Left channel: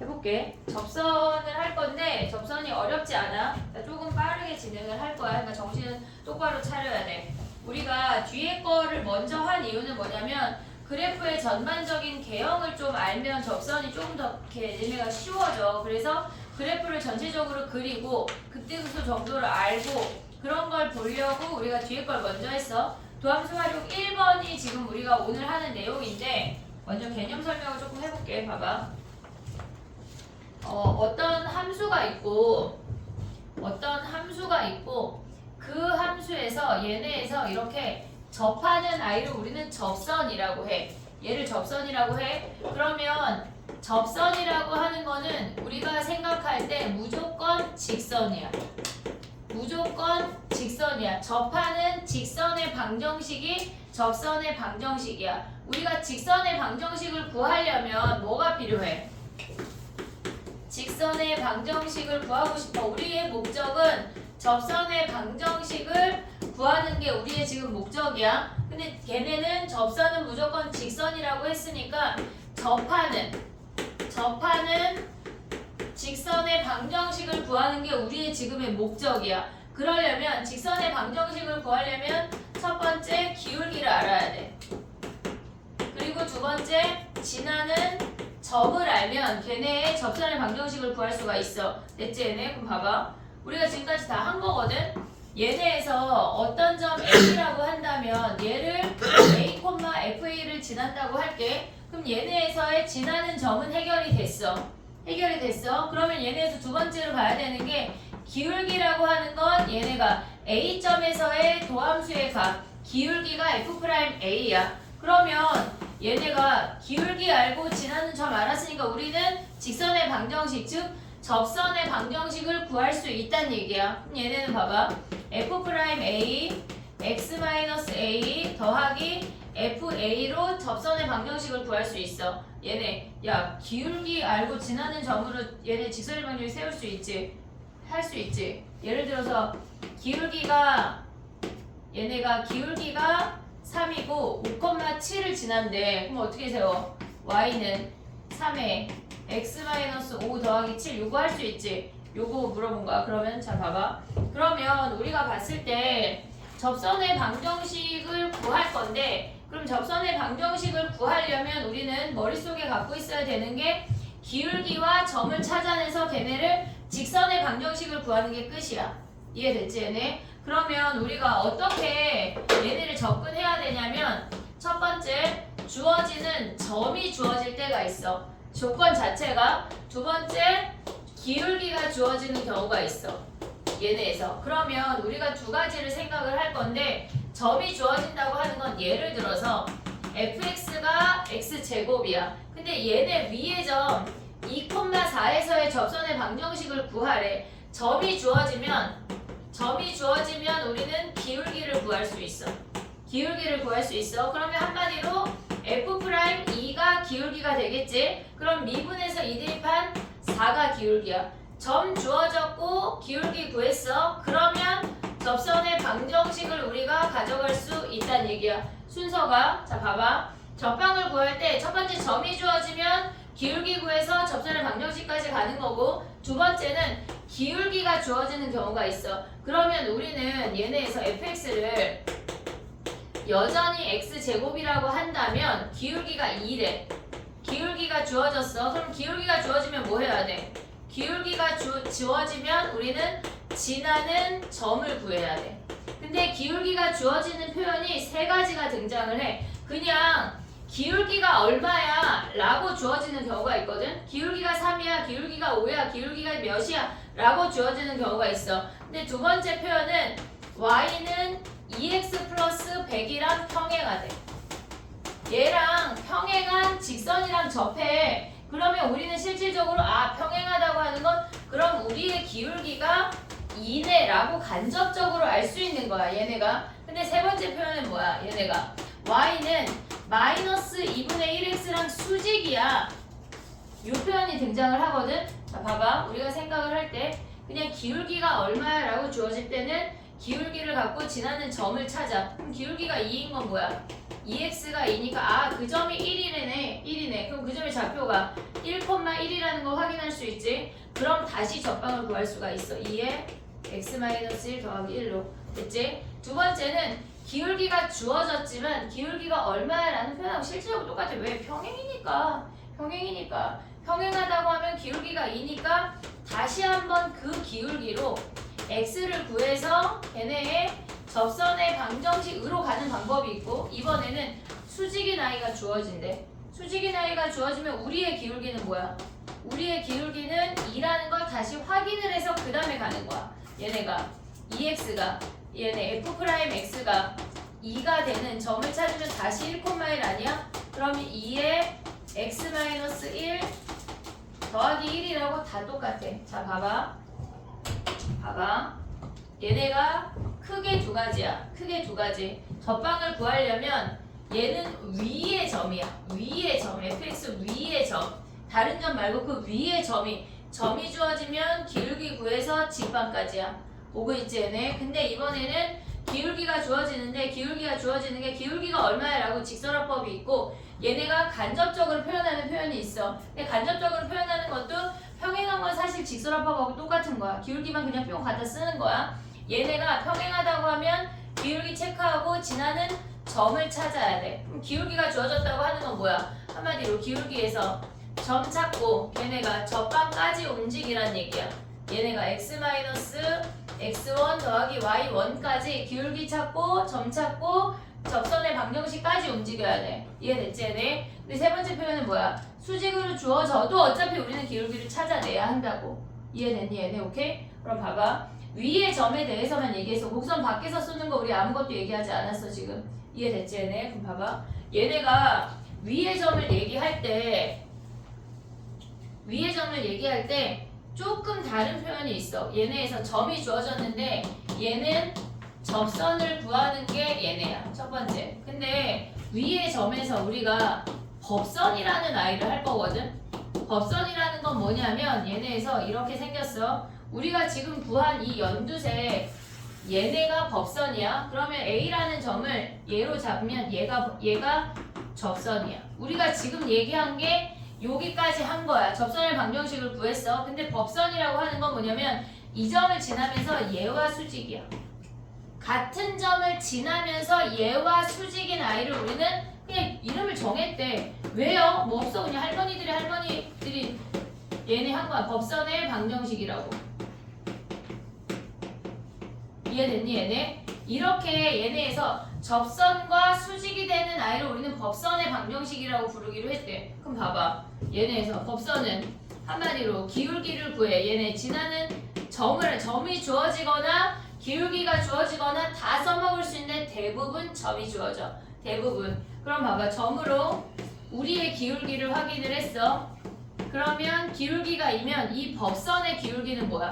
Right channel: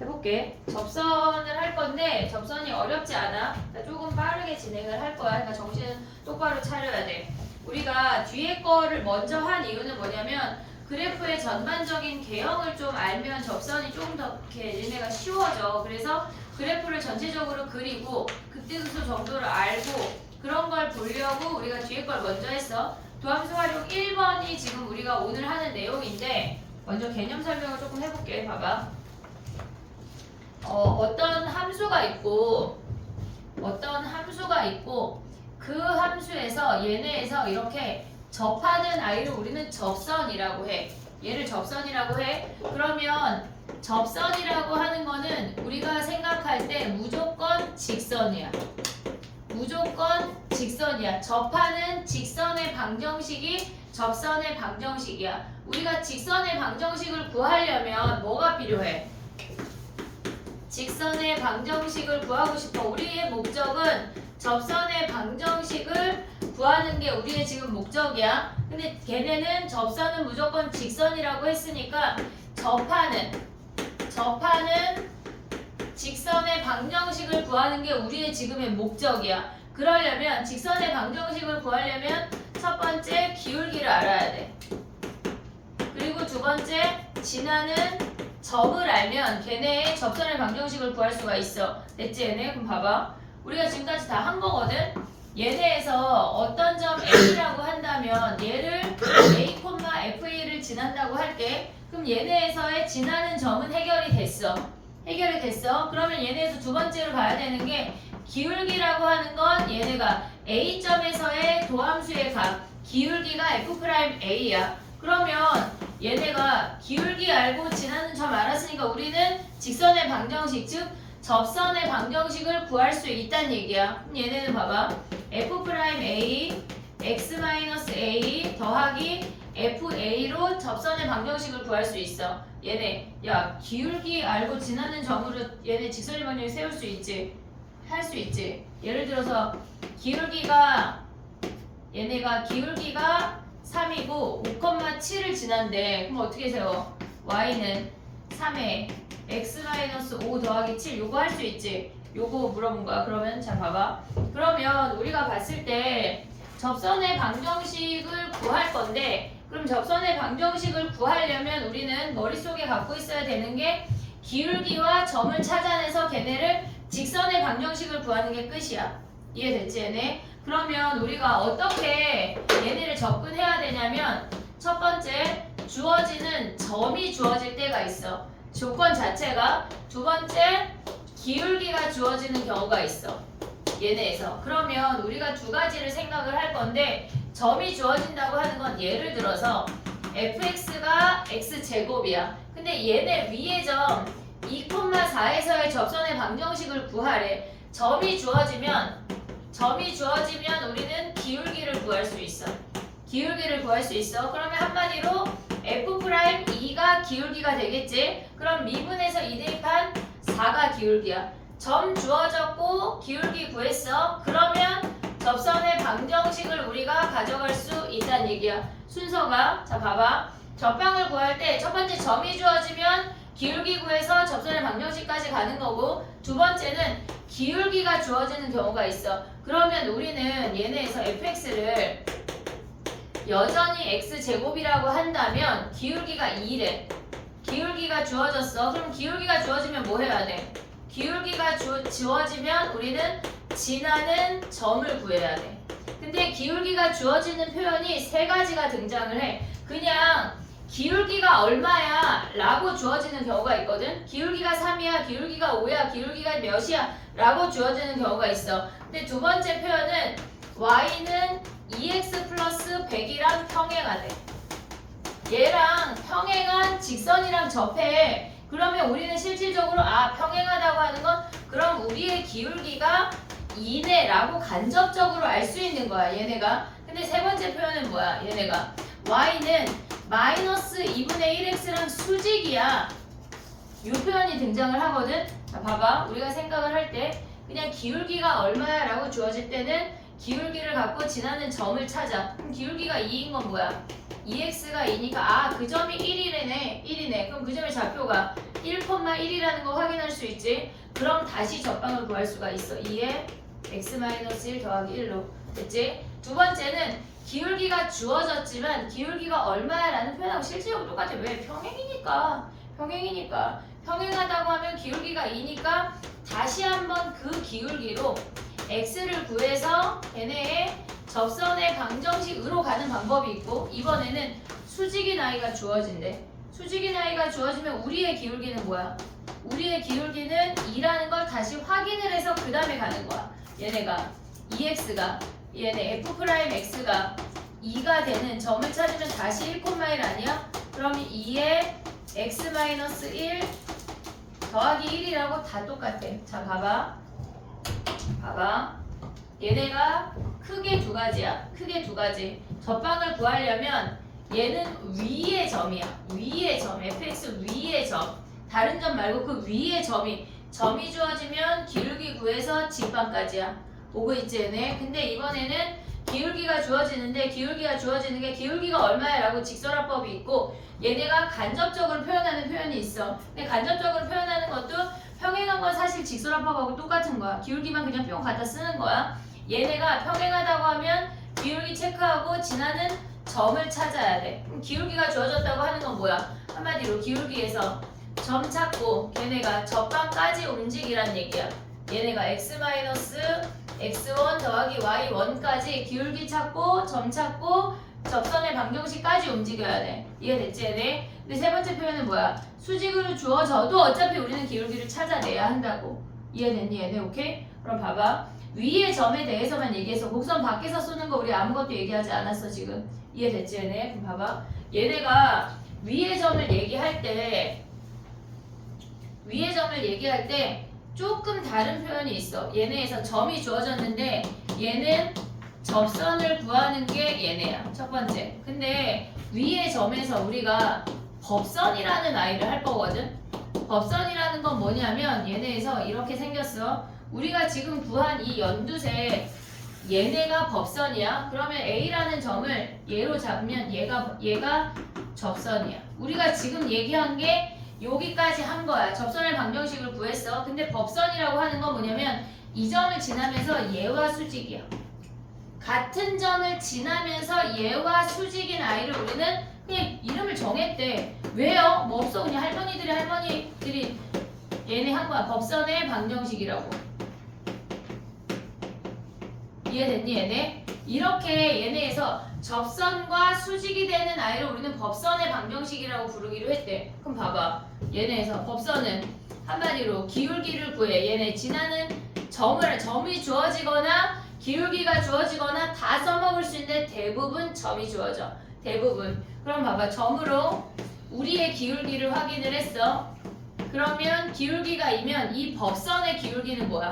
해볼게. 접선을 할 건데 접선이 어렵지 않아. 그러니까 조금 빠르게 진행을 할 거야. 그러니까 정신 똑바로 차려야 돼. 우리가 뒤에 거를 먼저 한 이유는 뭐냐면 그래프의 전반적인 개형을 좀 알면 접선이 조금 더 이렇게 얘네가 쉬워져. 그래서 그래프를 전체적으로 그리고 극대수소 정도를 알고 그런 걸 보려고 우리가 뒤에 걸 먼저 했어. 도함수 활용 1번이 지금 우리가 오늘 하는 내용인데 먼저 개념 설명을 조금 해볼게. 봐봐. 어떤 함수가 있고 그 함수에서 얘네에서 이렇게 접하는 아이를 우리는 접선이라고 해. 얘를 접선이라고 해. 그러면 접선이라고 하는 거는 우리가 생각할 때 무조건 직선이야. 무조건 직선이야. 접하는 직선의 방정식이 접선의 방정식이야. 우리가 직선의 방정식을 구하려면 뭐가 필요해? 직선의 방정식을 구하고 싶어. 우리의 목적은 접선의 방정식을 구하는 게 우리의 지금 목적이야. 근데 걔네는 접선은 무조건 직선이라고 했으니까 접하는 직선의 방정식을 구하는 게 우리의 지금의 목적이야. 그러려면 직선의 방정식을 구하려면 첫 번째 기울기를 알아야 돼. 그리고 두 번째 지나는 점을 알면 걔네의 접선의 방정식을 구할 수가 있어. 됐지 얘네? 그럼 봐봐. 우리가 지금까지 다 한 거거든? 얘네에서 어떤 점 A라고 한다면 얘를 A, FA를 지난다고 할게. 그럼 얘네에서의 지나는 점은 해결이 됐어. 그러면 얘네에서 두 번째로 가야 되는 게 기울기라고 하는 건 얘네가 A점에서의 도함수의 값 기울기가 F'A야. 그러면 얘네가 기울기 알고 지나는 점 알았으니까 우리는 직선의 방정식 즉 접선의 방정식을 구할 수 있다는 얘기야. 그럼 얘네는 봐봐. F'A x-a 더하기 FA로 접선의 방정식을 구할 수 있어. 얘네 야 기울기 알고 지나는 점으로 얘네 직선의 방정식 세울 수 있지. 할 수 있지. 예를 들어서 얘네가 기울기가 3이고 5,7을 지난대. 그럼 어떻게 세워? y는 3에 x-5 더하기 7 요거 할 수 있지. 요거 물어본 거야. 그러면 자 봐봐. 그러면 우리가 봤을 때 접선의 방정식을 구할 건데 그럼 접선의 방정식을 구하려면 우리는 머릿속에 갖고 있어야 되는 게 기울기와 점을 찾아내서 걔네를 직선의 방정식을 구하는 게 끝이야. 이해됐지 얘네? 그러면 우리가 어떻게 얘네를 접근해야 되냐면 첫 번째 주어지는 점이 주어질 때가 있어. 조건 자체가. 두 번째 기울기가 주어지는 경우가 있어. 얘네에서. 그러면 우리가 두 가지를 생각을 할 건데 점이 주어진다고 하는 건 예를 들어서 fx가 x제곱이야. 근데 얘네 위의 점 2,4에서의 접선의 방정식을 구하래. 점이 주어지면 우리는 기울기를 구할 수 있어. 그러면 한마디로 F'2가 기울기가 되겠지? 그럼 미분에서 2 대입한 4가 기울기야. 점 주어졌고 기울기 구했어. 그러면 접선의 방정식을 우리가 가져갈 수 있다는 얘기야. 순서가 자 봐봐. 접방을 구할 때 첫 번째 점이 주어지면 기울기 구해서 접선의 방정식까지 가는 거고 두 번째는 기울기가 주어지는 경우가 있어. 그러면 우리는 얘네에서 fx를 여전히 x제곱이라고 한다면 기울기가 2래. 기울기가 주어졌어. 그럼 기울기가 주어지면 뭐 해야 돼? 기울기가 주어지면 우리는 지나는 점을 구해야 돼. 근데 기울기가 주어지는 표현이 세 가지가 등장을 해. 그냥 기울기가 얼마야? 라고 주어지는 경우가 있거든. 기울기가 3이야, 기울기가 5야, 기울기가 몇이야? 라고 주어지는 경우가 있어. 근데 두 번째 표현은 y는 2x 플러스 100이랑 평행하대. 얘랑 평행한 직선이랑 접해. 그러면 우리는 실질적으로 평행하다고 하는 건 그럼 우리의 기울기가 2네 라고 간접적으로 알 수 있는 거야 얘네가. 근데 세 번째 표현은 뭐야? 얘네가 y는 마이너스 2분의 1x랑 수직이야. 이 표현이 등장을 하거든. 자 봐봐. 우리가 생각을 할 때 그냥 기울기가 얼마야 라고 주어질 때는 기울기를 갖고 지나는 점을 찾아. 그럼 기울기가 2인 건 뭐야? 2x가 2니까 아 그 점이 1이네. 그럼 그 점의 좌표가 1,1이라는 걸 확인할 수 있지. 그럼 다시 접방을 구할 수가 있어. 2에 x-1 더하기 1로 됐지? 두 번째는 기울기가 주어졌지만 기울기가 얼마야 라는 표현하고 실제로 똑같아. 왜? 평행이니까. 평행하다고 하면 기울기가 2니까 다시 한번 그 기울기로 x를 구해서 걔네의 접선의 방정식으로 가는 방법이 있고, 이번에는 수직인 i가 주어진대. 수직인 i가 주어지면 우리의 기울기는 뭐야? 우리의 기울기는 2라는 걸 다시 확인을 해서 그 다음에 가는 거야. 얘네가 2x가 얘네 f'x가 2가 되는 점을 찾으면 다시 1,1 아니야? 그러면 2에 x-1 더하기 1이라고 다 똑같아. 자 봐봐. 얘네가 크게 두 가지야. 접방을 구하려면 얘는 위의 점이야. fx 위의 점. 다른 점 말고 그 위의 점이 주어지면 기울기 구해서 직방까지야. 오고 있지 얘네. 근데 이번에는 기울기가 주어지는데 기울기가 얼마야 라고 직설화법이 있고, 얘네가 간접적으로 표현하는 표현이 있어. 근데 간접적으로 표현하는 것도 평행한 건 사실 직설화법하고 똑같은 거야. 기울기만 그냥 뿅 갖다 쓰는 거야. 얘네가 평행하다고 하면 기울기 체크하고 지나는 점을 찾아야 돼. 그럼 기울기가 주어졌다고 하는 건 뭐야? 한마디로 기울기에서 점 찾고 걔네가 접방까지 움직이란 얘기야. 얘네가 x-x1 더하기 y1까지 기울기 찾고 점 찾고 접선의 방정식까지 움직여야 돼. 이해됐지 얘네? 근데 세 번째 표현은 뭐야? 수직으로 주어져도 어차피 우리는 기울기를 찾아내야 한다고. 이해됐니 얘네? 오케이? 그럼 봐봐. 위의 점에 대해서만 얘기해서 곡선 밖에서 쏘는 거 우리 아무것도 얘기하지 않았어 지금. 이해됐지 얘네? 그럼 봐봐. 얘네가 위의 점을 얘기할 때 조금 다른 표현이 있어. 얘네에서 점이 주어졌는데 얘는 접선을 구하는 게 얘네야. 첫 번째. 근데 위의 점에서 우리가 법선이라는 아이를 할 거거든. 법선이라는 건 뭐냐면 얘네에서 이렇게 생겼어. 우리가 지금 구한 이 연두색 얘네가 법선이야. 그러면 A라는 점을 얘로 잡으면 얘가 접선이야. 우리가 지금 얘기한 게 여기까지 한 거야. 접선의 방정식을 구했어. 근데 법선이라고 하는 건 뭐냐면 이 점을 지나면서 얘와 수직이야. 같은 점을 지나면서 얘와 수직인 아이를 우리는 그냥 이름을 정했대. 왜요? 뭐 없어. 그냥 할머니들이 얘네 한 거야. 법선의 방정식이라고. 이해됐니 얘네? 이렇게 얘네에서 접선과 수직이 되는 아이를 우리는 법선의 방정식이라고 부르기로 했대. 그럼 봐봐. 얘네에서 법선은 한마디로 기울기를 구해. 얘네 지나는 점이 주어지거나 기울기가 주어지거나 다 써먹을 수 있는데 대부분 점이 주어져. 대부분. 그럼 봐봐. 점으로 우리의 기울기를 확인을 했어. 그러면 기울기가 이면 이 법선의 기울기는 뭐야?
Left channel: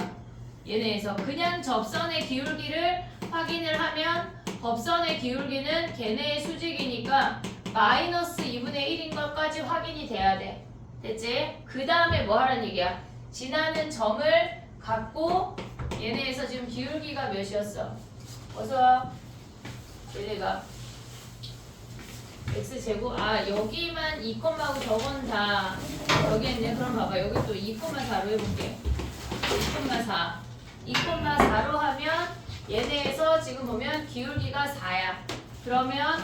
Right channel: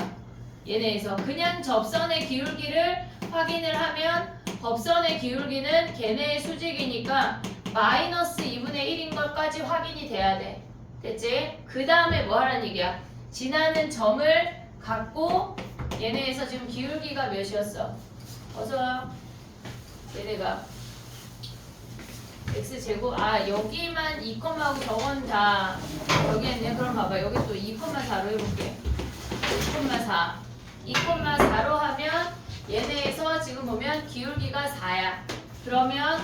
얘네에서 그냥 접선의 기울기를 확인을 하면 법선의 기울기는 걔네의 수직이니까 마이너스 2분의 1인 것까지 확인이 돼야 돼. 됐지? 그 다음에 뭐 하라는 얘기야? 지나는 점을 갖고 얘네에서 지금 기울기가 몇이었어? 어서와. 얘네가 x제곱 여기만 2컴마하고 저건 다 여기 있네. 그럼 봐봐. 여기 또 2,4로 해볼게. 2,4로 하면 얘네에서 지금 보면 기울기가 4야. 그러면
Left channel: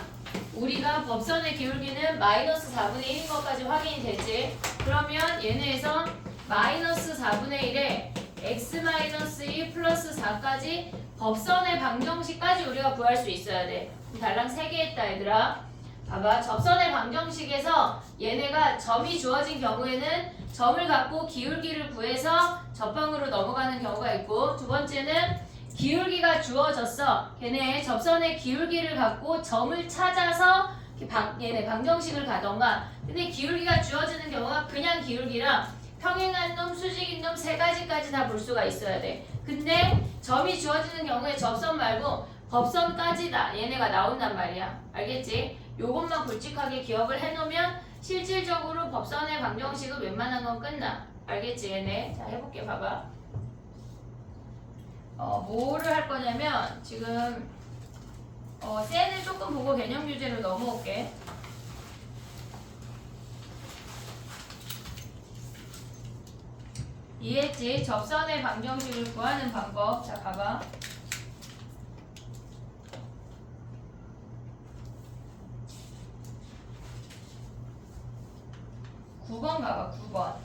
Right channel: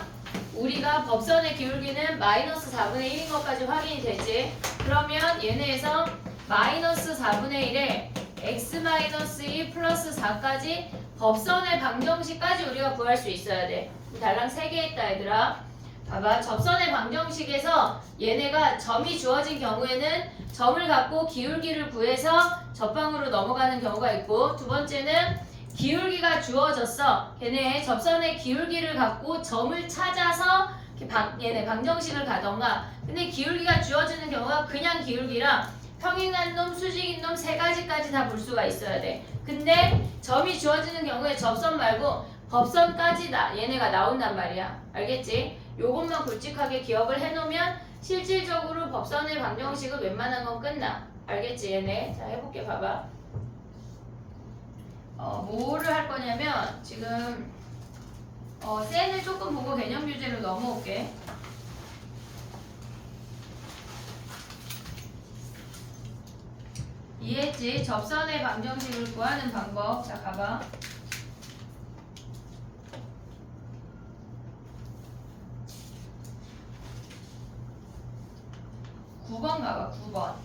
우리가 법선의 기울기는 마이너스 4분의 1인 것까지 확인이 되지. 그러면 얘네에서 마이너스 4분의 1에 x-2 플러스 4까지 법선의 방정식까지 우리가 구할 수 있어야 돼. 달랑 3개 했다 얘들아. 봐봐. 접선의 방정식에서 얘네가 점이 주어진 경우에는 점을 갖고 기울기를 구해서 접방으로 넘어가는 경우가 있고, 두 번째는 기울기가 주어졌어. 걔네 접선의 기울기를 갖고 점을 찾아서 얘네 방정식을 가던가. 근데 기울기가 주어지는 경우가 그냥 기울기랑 평행한 놈, 수직인 놈 세 가지까지 다 볼 수가 있어야 돼. 근데 점이 주어지는 경우에 접선 말고 법선까지 얘네가 나온단 말이야. 알겠지? 요것만 굵직하게 기억을 해놓으면 실질적으로 법선의 방정식은 웬만한 건 끝나. 알겠지 얘네? 자 해볼게. 봐봐. 뭐를 할 거냐면 지금 셀을 조금 보고 개념 교재로 넘어올게. 이해했지? 접선의 방정식을 구하는 방법. 자, 가봐. (9번) 가봐. 9번.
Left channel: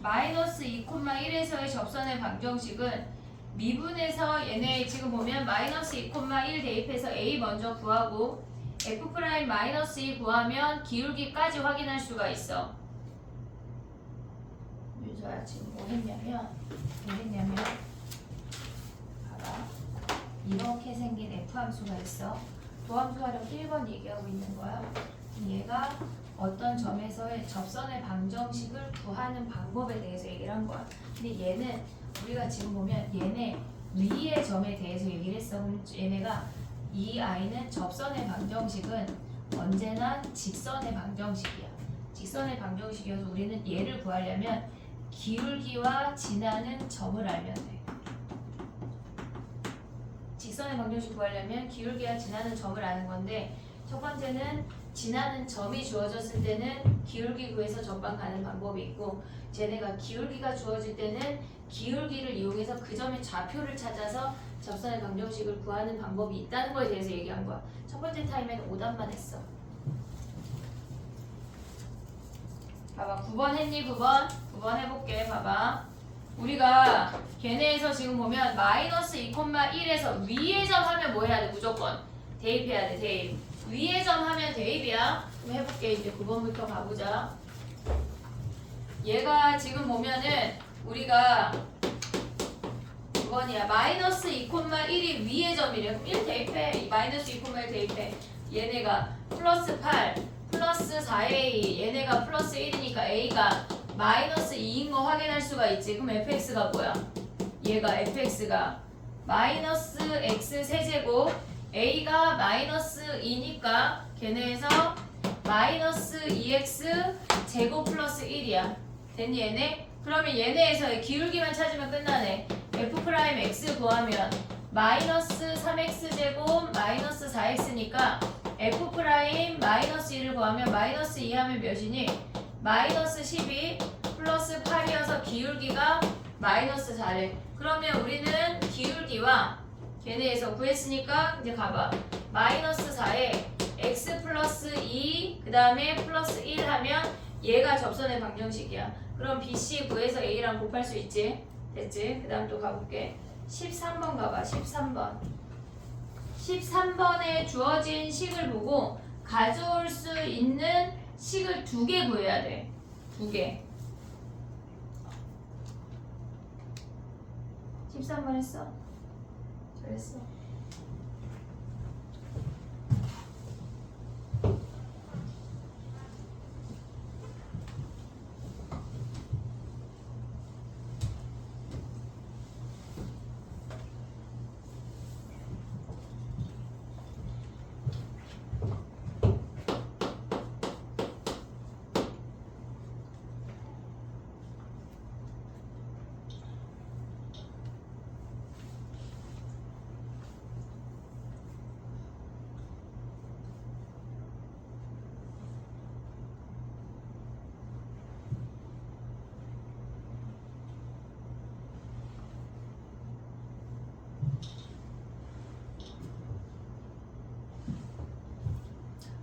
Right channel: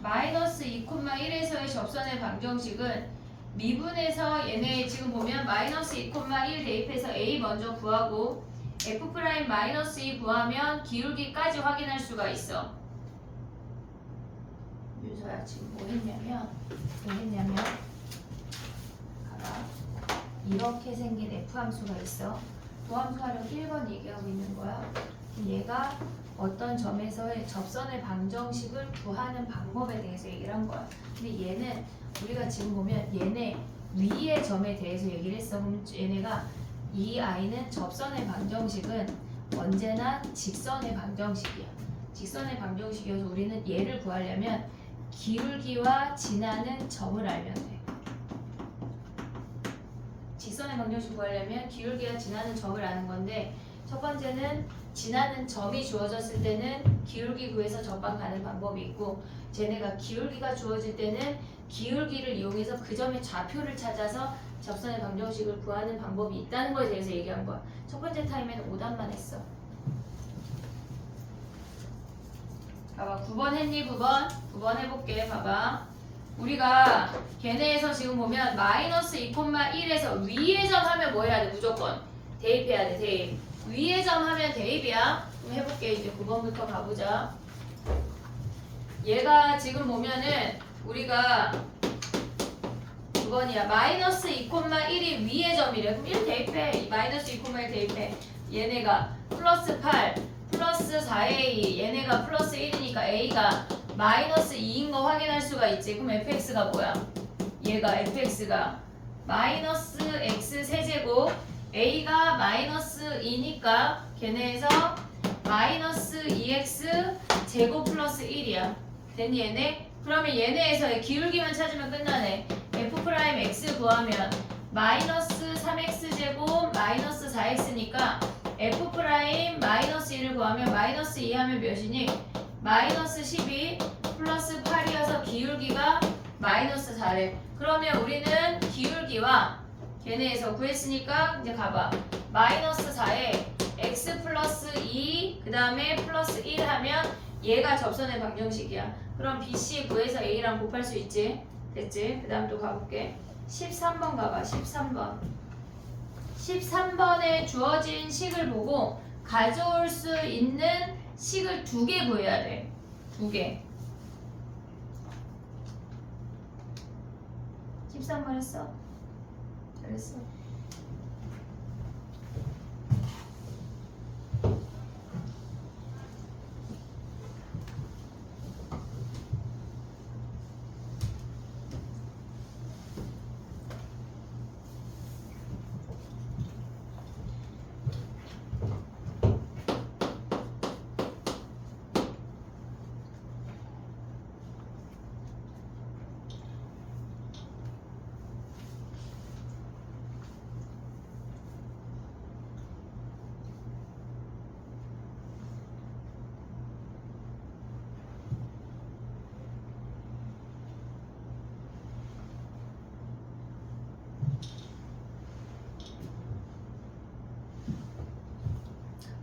마이너스 2,1에서의 접선의 방정식은 미분에서 얘네 지금 보면 마이너스 2,1 대입해서 a 먼저 구하고 f 프라임 마이너스 2 구하면 기울기까지 확인할 수가 있어. 윤서야 지금 뭐 했냐면 봐봐. 이렇게 생긴 f 함수가 있어. 도함수하려고 1번 얘기하고 있는 거야. 얘가 어떤 점에서의 접선의 방정식을 구하는 방법에 대해서 얘기를 한 거야. 근데 얘는 우리가 지금 보면 얘네 위의 점에 대해서 얘기를 했어. 그럼 얘네가 이 아이는 접선의 방정식은 언제나 직선의 방정식이야. 직선의 방정식이어서 우리는 얘를 구하려면 기울기와 지나는 점을 알면 돼. 직선의 방정식 구하려면 기울기와 지나는 점을 아는 건데 첫 번째는 지나는 점이 주어졌을 때는 기울기 구해서 접방 가는 방법이 있고 쟤네가 기울기가 주어질 때는 기울기를 이용해서 그 점의 좌표를 찾아서 접선의 방정식을 구하는 방법이 있다는 거에 대해서 얘기한 거야. 첫 번째 타임에는 오답만 했어. 봐봐. 9번 했니? 9번 해볼게. 봐봐. 우리가 걔네에서 지금 보면 마이너스 2,1에서 위의 점 하면 뭐 해야 돼? 무조건 대입해야 돼. 대입. 위의 점 하면 대입이야. 그럼 해볼게. 이제 9번부터 가보자. 얘가 지금 보면은 우리가 9번이야. 마이너스 2,1이 위의 점이래. 그럼 1 대입해. 마이너스 2,1 대입해. 얘네가 플러스 8 플러스 4a 얘네가 플러스 1이니까 a가 마이너스 2인 거 확인할 수가 있지. 그럼 fx가 뭐야? 얘가 fx가 마이너스 x 세제곱 a가 마이너스 2니까 걔네에서 마이너스 2x 제곱 플러스 1이야. 됐니 얘네? 그러면 얘네에서의 기울기만 찾으면 끝나네. f 프라임 x 구하면 마이너스 3x 제곱 마이너스 4x니까 f 프라임 마이너스 1을 구하면 마이너스 2 하면 몇이니? 마이너스 12 플러스 8이어서 기울기가 마이너스 4래. 그러면 우리는 기울기와 걔네에서 구했으니까 이제 가봐. 마이너스 4에 x 플러스 2 그 다음에 플러스 1 하면 얘가 접선의 방정식이야. 그럼 BC 구해서 A랑 곱할 수 있지? 됐지? 그 다음 또 가볼게. 13번 가봐. 13번. 13번에 주어진 식을 보고 가져올 수 있는 식을 2개 구해야 돼. 2개. 13번 했어? 잘했어.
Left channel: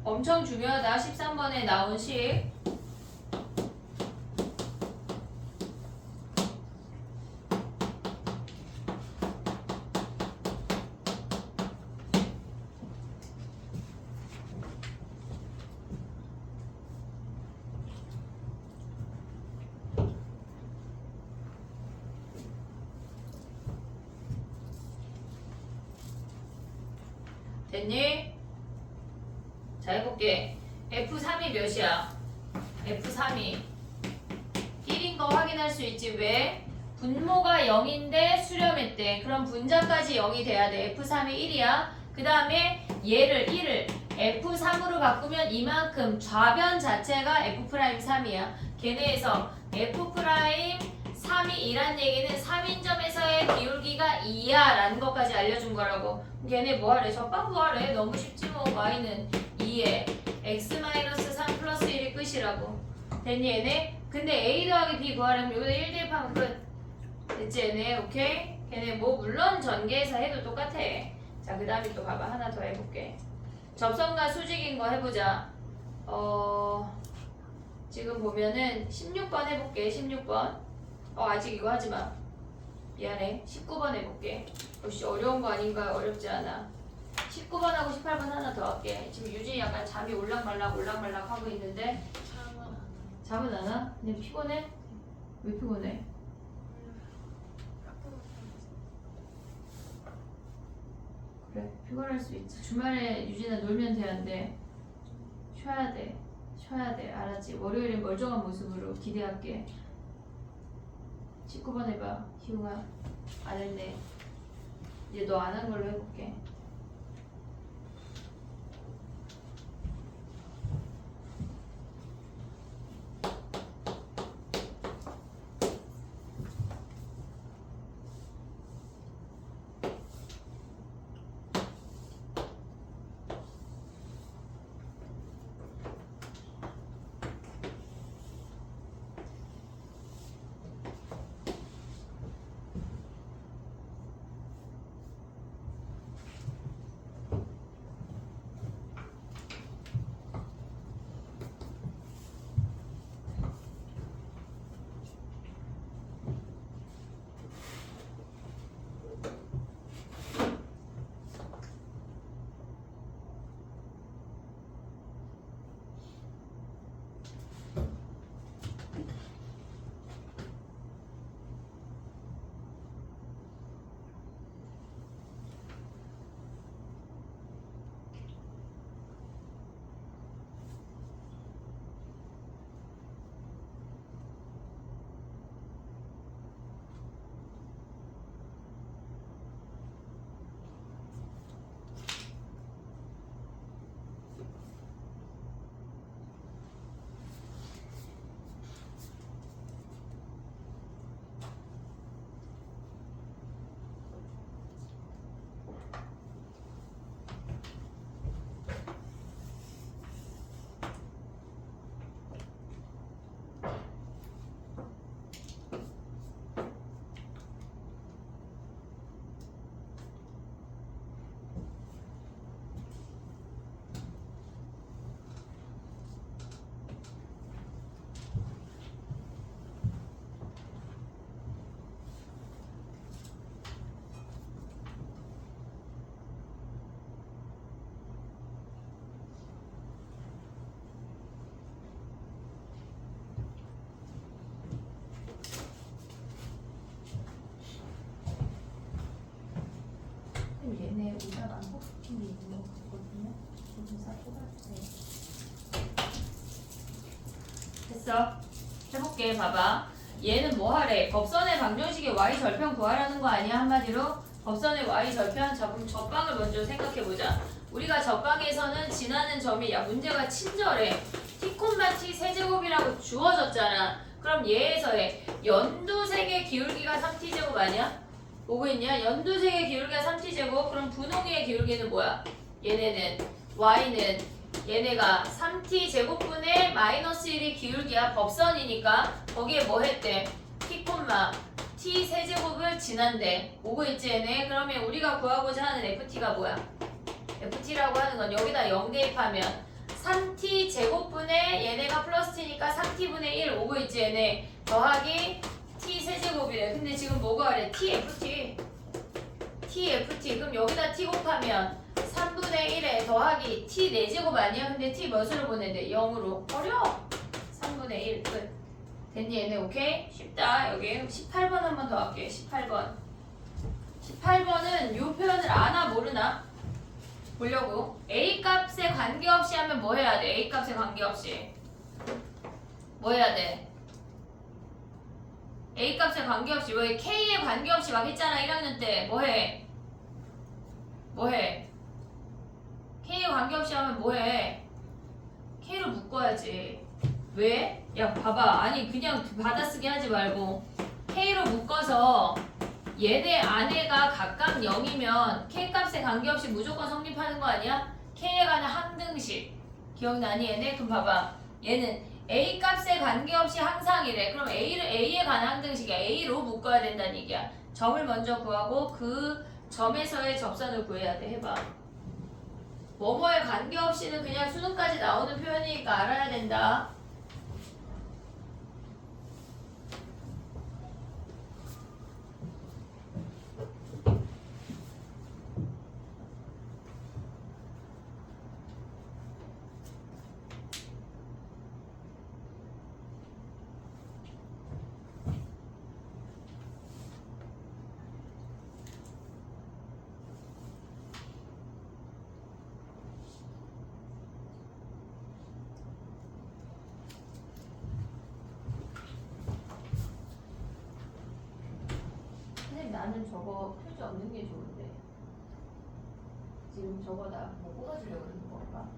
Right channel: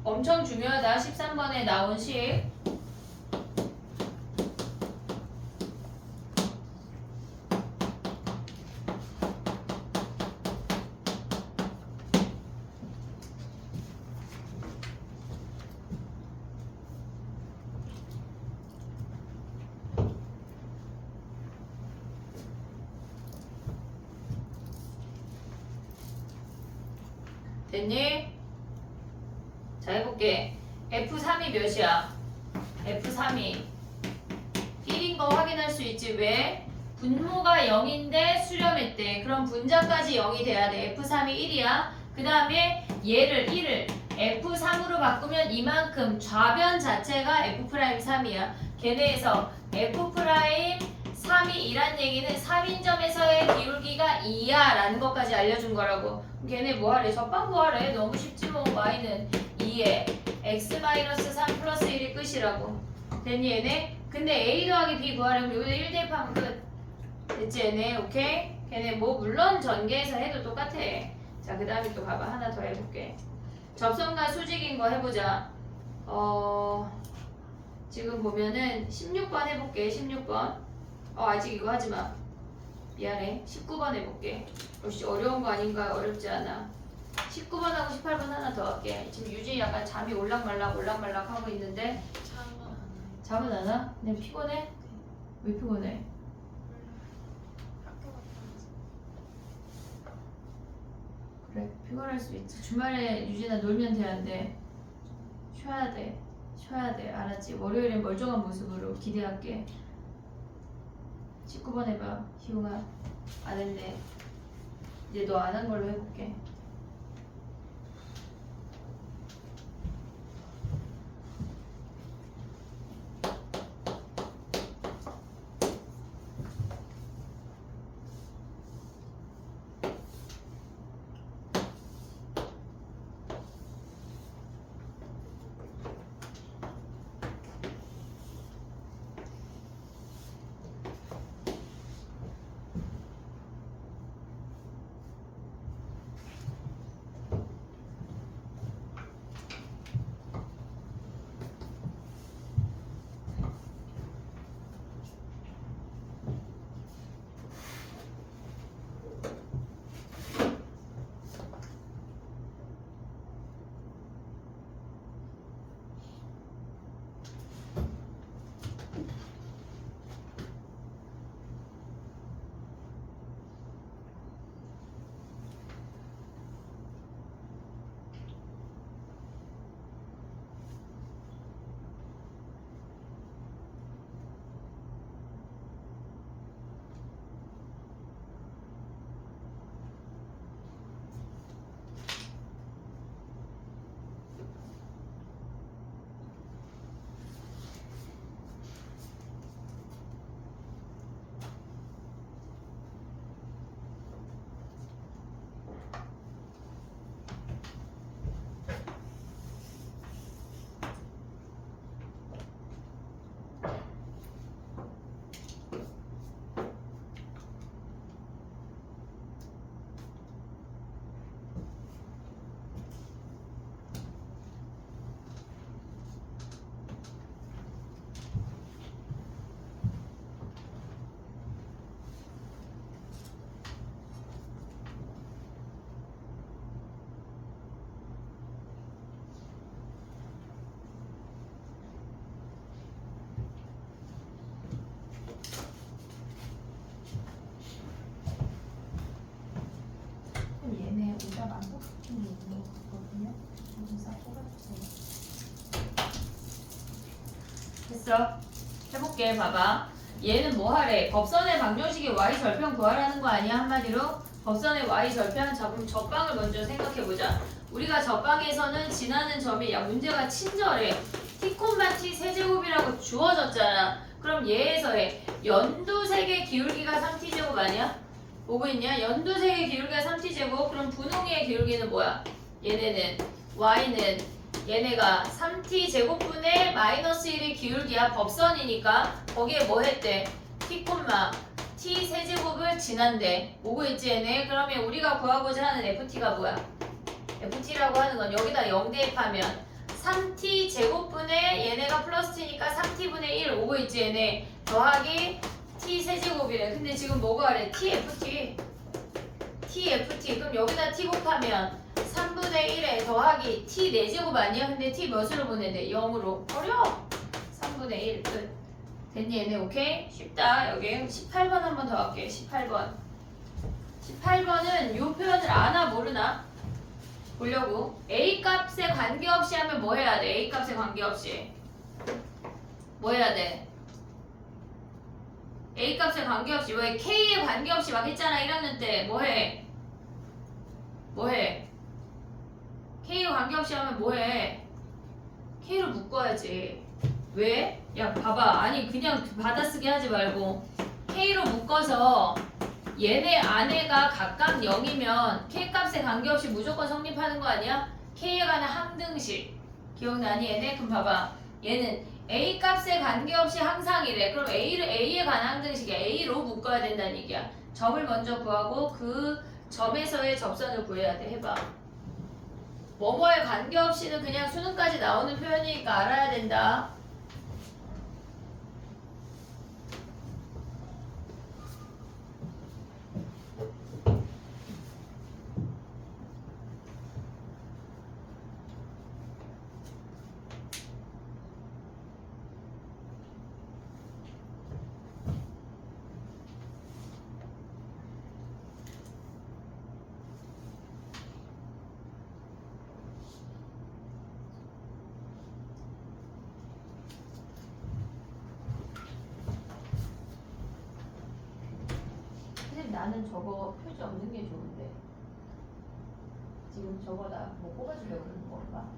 엄청 중요하다. 13번에 나온 식. 됐니? 자, 해볼게. F3이 몇이야? F3이 1인 거 확인할 수 있지. 왜? 분모가 0인데 수렴했대. 그럼 분자까지 0이 돼야 돼. F3이 1이야. 그 다음에 얘를 1을 F3으로 바꾸면 이만큼 좌변 자체가 F'3이야. 걔네에서 F'3이 2란 얘기는 3인점에서의 기울기가 2야 라는 것까지 알려준 거라고. 걔네 뭐하래? 적방 뭐하래? 너무 쉽지 뭐. y는 2에 x-3 플러스 1이 끝이라고. 됐니 얘네? 근데 a 더하기 b 구하려면 여기다 1 대입하면 끝. 됐지 얘네? 오케이? 걔네 뭐 물론 전개해서 해도 똑같아. 자, 그 다음에 또 봐봐. 하나 더 해볼게. 접선과 수직인 거 해보자. 지금 보면은 16번 해볼게. 16번. 아직 이거 하지마. 미안해. 19번 해볼게. 역시 어려운 거 아닌가? 어렵지 않아. 19번하고 18번 하나 더 할게. 지금 유진이 약간 잠이 올락말락 하고 있는데 잠은 안 와? 그냥 피곤해? 왜 피곤해? 그래, 피곤할 수 있지. 주말에 유진아 놀면 돼, 안 돼? 쉬어야 돼. 알았지? 월요일엔 멀쩡한 모습으로 기대할게. 19번 해봐. 희웅아. 안 했네. 이제 너 안 한 걸로 해볼게. 얘네 의자가 안 뽑힌 게 있는 것 같거든요. 의자 뽑아주세요. 됐어. 해볼게. 봐봐. 얘는 뭐 하래? 법선의 방정식의 y 절편 구하라는 거 아니야? 한마디로 법선의 y 절편. 자, 그럼 접방을 먼저 생각해보자. 우리가 접방에서는 지나는 점이 문제가 친절해. t, t 세제곱이라고 주어졌잖아. 그럼 얘에서의 연두색의 기울기가 3t제곱 아니야? 보고 있냐? 연두색의 기울기가 3t제곱. 그럼 분홍의 기울기는 뭐야? 얘네는 y는 얘네가 3t제곱분의 마이너스 1의 기울기야. 법선이니까 거기에 뭐 했대? t, t 세제곱을 지난대. 오고 있지 얘네? 그러면 우리가 구하고자 하는 ft가 뭐야? ft라고 하는 건 여기다 0 대입하면 3t제곱분의 얘네가 플러스 t니까 3t분의 1 오고 있지 얘네? 더하기 t 세제곱이래. 근데 지금 뭐가 그래? tft. 그럼 여기다 t 곱하면 3분의 1에 더하기 t 4제곱 아니야? 근데 t 몇으로 보낸대? 0으로. 어려워. 3분의 1 끝. 됐니 얘네? 오케이? 쉽다. 여기 18번 한 번 더 할게. 18번은 요 표현을 아나 모르나? 보려고. a 값에 관계없이 하면 뭐 해야 돼? a 값에 관계없이 뭐 해야 돼? A 값에 관계없이 왜 K에 관계없이 막 했잖아 1학년 때 뭐해? 뭐해? K에 관계없이 하면 뭐해? K로 묶어야지. 왜? 야 봐봐. 아니 그냥 받아쓰기 하지 말고 K로 묶어서 얘네 안에가 각각 0이면 K 값에 관계없이 무조건 성립하는 거 아니야? K에 관한 항등식 기억나니 얘네? 그럼 봐봐. 얘는 A 값에 관계없이 항상 이래. 그럼 A에 관한 항등식이야. A로 묶어야 된다는 얘기야. 점을 먼저 구하고 그 점에서의 접선을 구해야 돼. 해봐. 뭐뭐에 관계없이는 그냥 수능까지 나오는 표현이니까 알아야 된다. 나는 저거 표지 없는 게 좋은데 지금 저거 나 뭐 뽑아주려고 그러는 건가?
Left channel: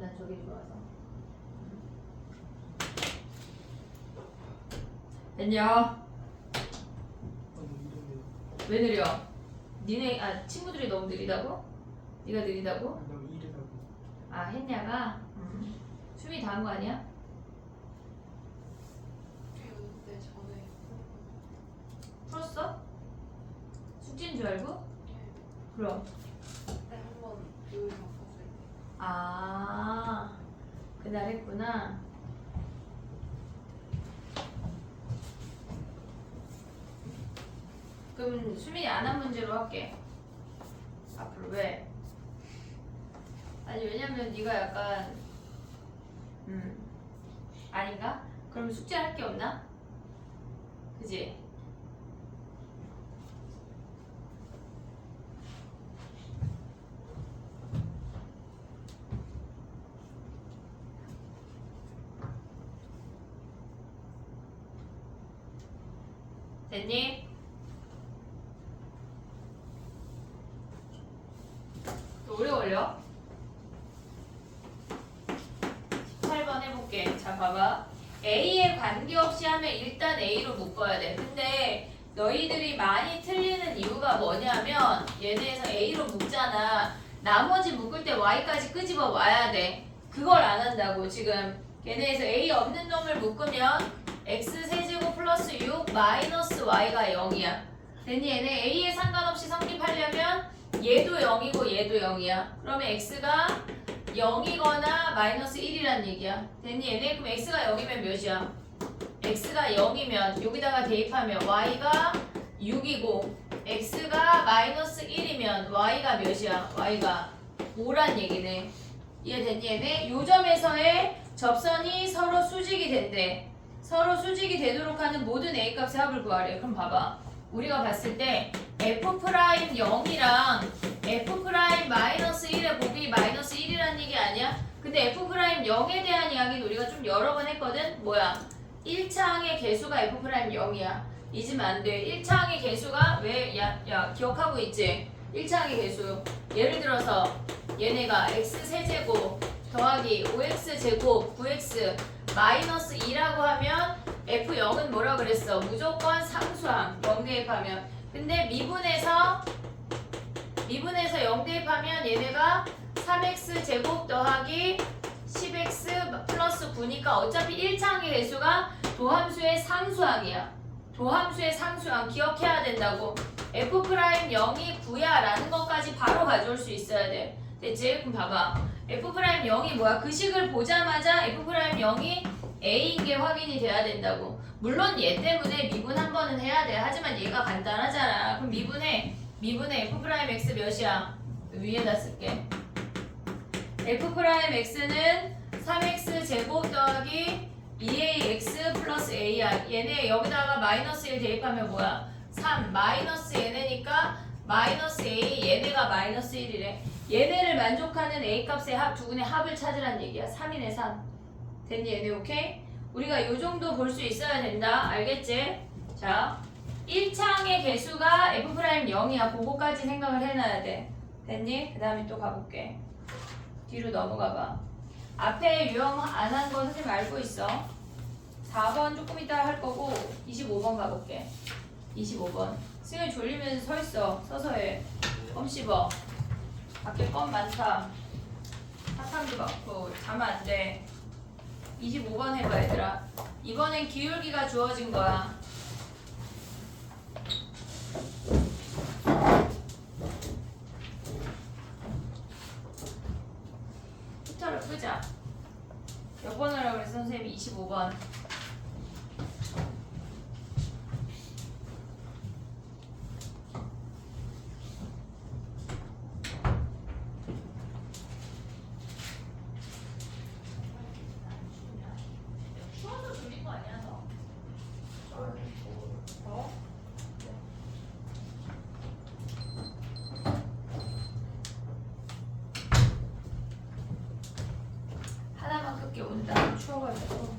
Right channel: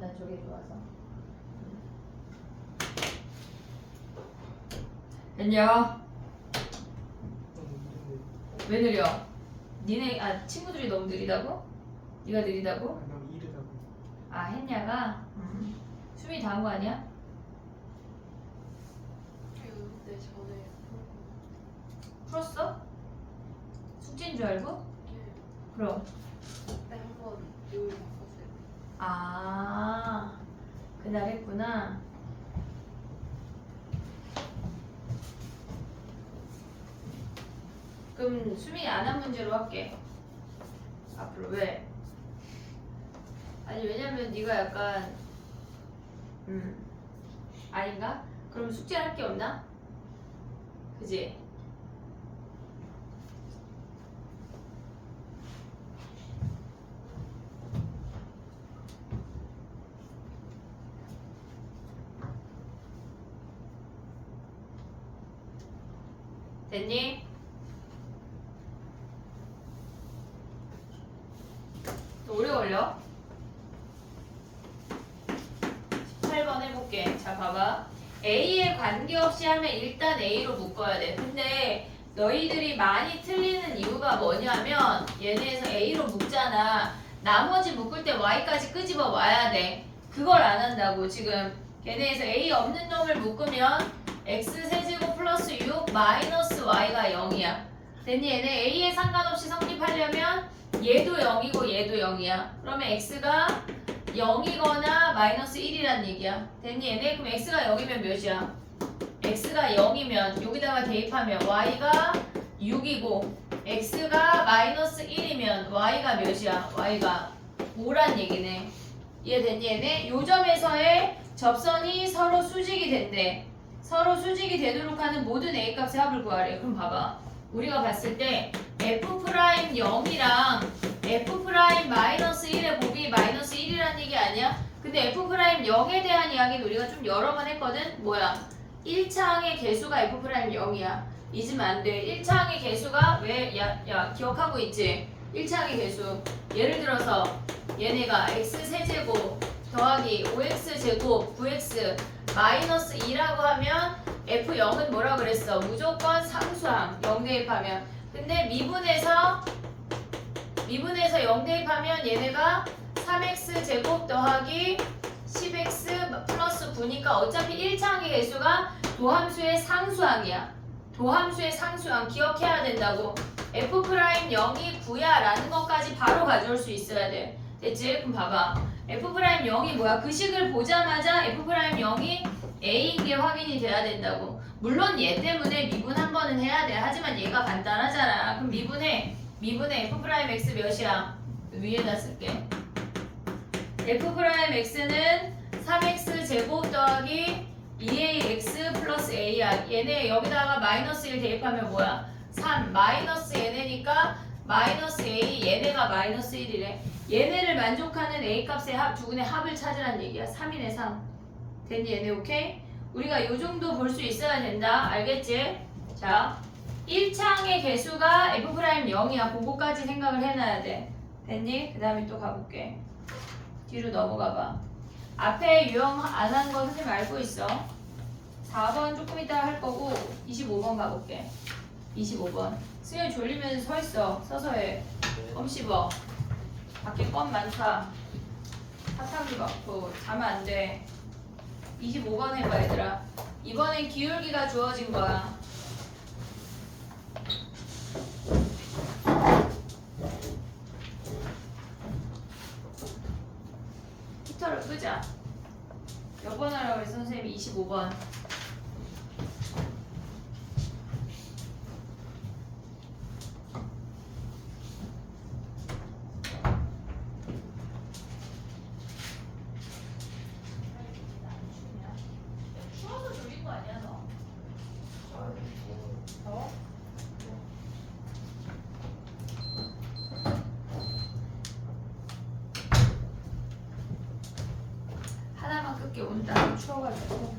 난 저게 좋아서. 됐냐? 왜 느려? 니네 친구들이 너무 느리다고? 네가 느리다고? 너무 이르다고. 했냐가? 수미 다 한 거 아니야? 네, 전에 풀었어? 숙제인 줄 알고? 그럼 그때 한번 요일 바꿨을 때. 그날 했구나. 그럼 수민이 안 한 문제로 할게. 앞으로 왜? 아니 왜냐면 네가 약간 아닌가? 그럼 숙제 할 게 없나? 그지? 됐니? 또 오래 걸려? 18번 해볼게. 자 봐봐. A에 관계없이 하면 일단 A로 묶어야 돼. 근데 너희들이 많이 틀리는 이유가 뭐냐면 얘네에서 A로 묶잖아. 나머지 묶을 때 Y까지 끄집어 와야 돼. 그걸 안 한다고. 지금 걔네에서 A 없는 놈을 묶으면 X세제곱 플러스 6 마이너스 Y가 0이야. 됐니? 얘네 A에 상관없이 성립하려면 얘도 0이고 얘도 0이야. 그러면 X가 0이거나 마이너스 1이란 얘기야. 됐니? 얘네? 그럼 X가 0이면 몇이야? X가 0이면 여기다가 대입하면 Y가 6이고 X가 마이너스 1이면 Y가 몇이야? Y가 5란 얘기네. 이해됐니? 얘네? 요 점에서의 접선이 서로 수직이 된대. 서로 수직이 되도록 하는 모든 A값의 합을 구하래. 그럼 봐봐. 우리가 봤을 때 F'0이랑 F'-1의 곱이 마이너스 1이라는 얘기 아니야? 근데 F'0에 대한 이야기는 우리가 좀 여러 번 했거든? 뭐야? 1차항의 개수가 F'0이야. 잊으면 안 돼. 1차항의 개수가 왜? 야 기억하고 있지? 1차항의 개수. 예를 들어서 얘네가 X세제곱 더하기 5X제곱 9X 마이너스 2라고 하면 F0은 뭐라 그랬어? 무조건 상수항 0 대입하면. 근데 미분에서 0 대입하면 얘네가 3X제곱 더하기 10X 플러스 9니까 어차피 1차항의 개수가 도함수의 상수항이야. 도함수의 상수항 기억해야 된다고. F'0이 9야 라는 것까지 바로 가져올 수 있어야 돼. 됐지? 그럼 봐봐. F'0이 뭐야? 그 식을 보자마자 F'0이 A인 게 확인이 돼야 된다고. 물론 얘 때문에 미분 한 번은 해야 돼. 하지만 얘가 간단하잖아. 그럼 미분에 F'X 몇이야? 위에다 쓸게. F'X는 3X 제곱 더하기 2AX 플러스 A야. 얘네 여기다가 마이너스 1 대입하면 뭐야? 3 마이너스 얘네니까 마이너스 A 얘네가 마이너스 1이래. 얘네를 만족하는 A 값의 합, 두근의 합을 찾으란 얘기야. 3이네 3. 됐니 얘네 오케이? 우리가 요 정도 볼 수 있어야 된다. 알겠지? 자, 1창의 개수가 F'0이야. 그거까지 생각을 해놔야 돼. 됐니? 그 다음에 또 가볼게. 뒤로 넘어가봐. 앞에 유형 안 한 거 선생님 알고 있어. 4번 조금 이따가 할 거고 25번 가볼게. 25번. 승현 졸리면 서 있어. 서서 해. 껌 씹어. 밖에 껌 많다. 사탕도 많고 자면 안 돼. 25번 해봐 얘들아. 이번엔 기울기가 주어진 거야. 히터를 끄자. 몇 번 하라고 했어 선생님이? 25번. 추워서 졸린 거 아니야 너? 더워? 하나만 끌게. 오늘 나 추워가지고.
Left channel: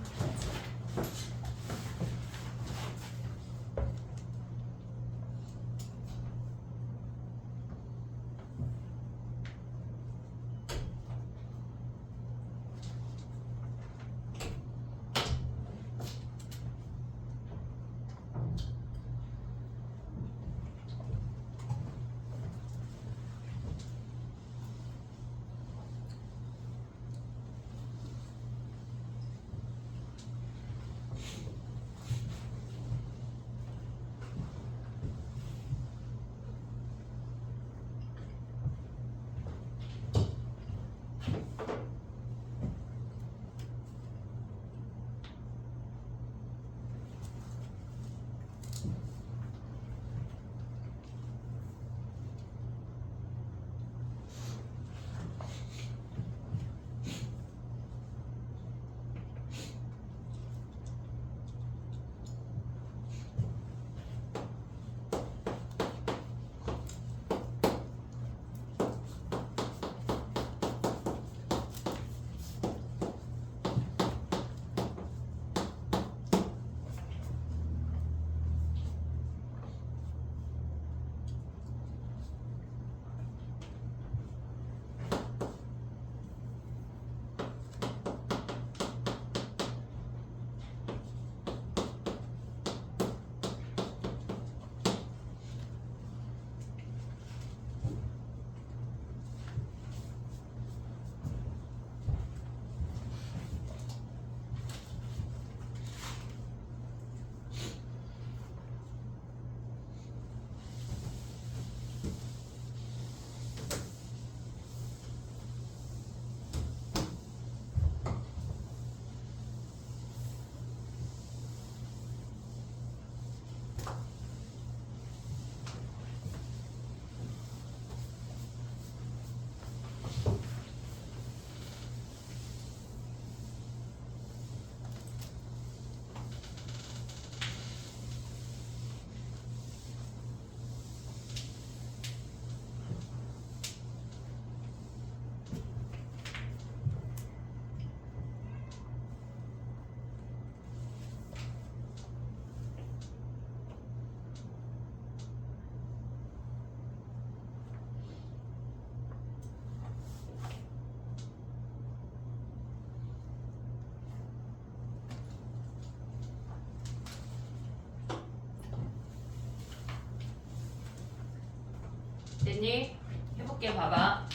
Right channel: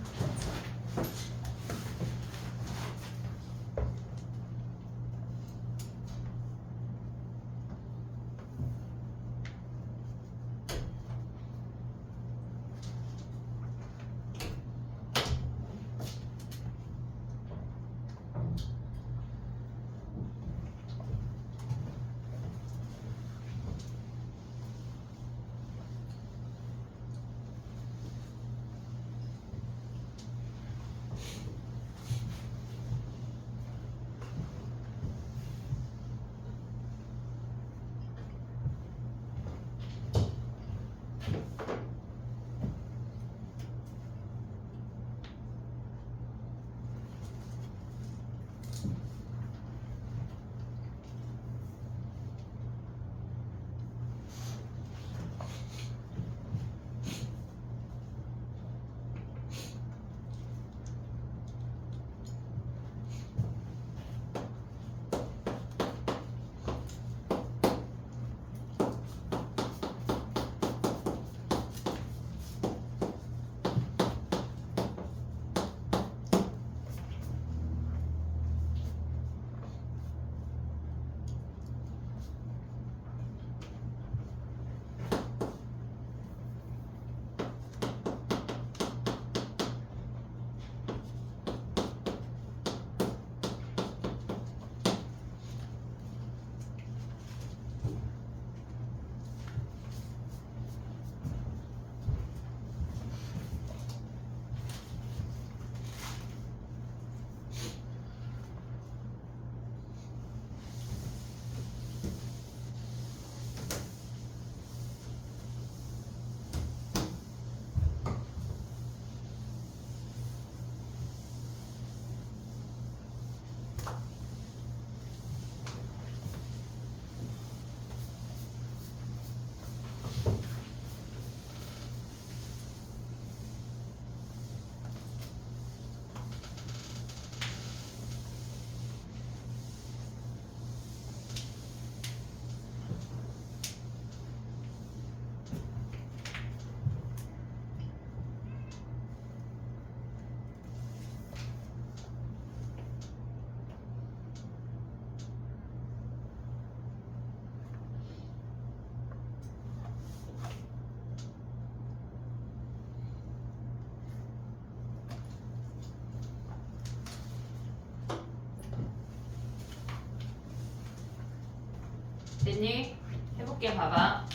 됐니? 해볼게. 봐봐.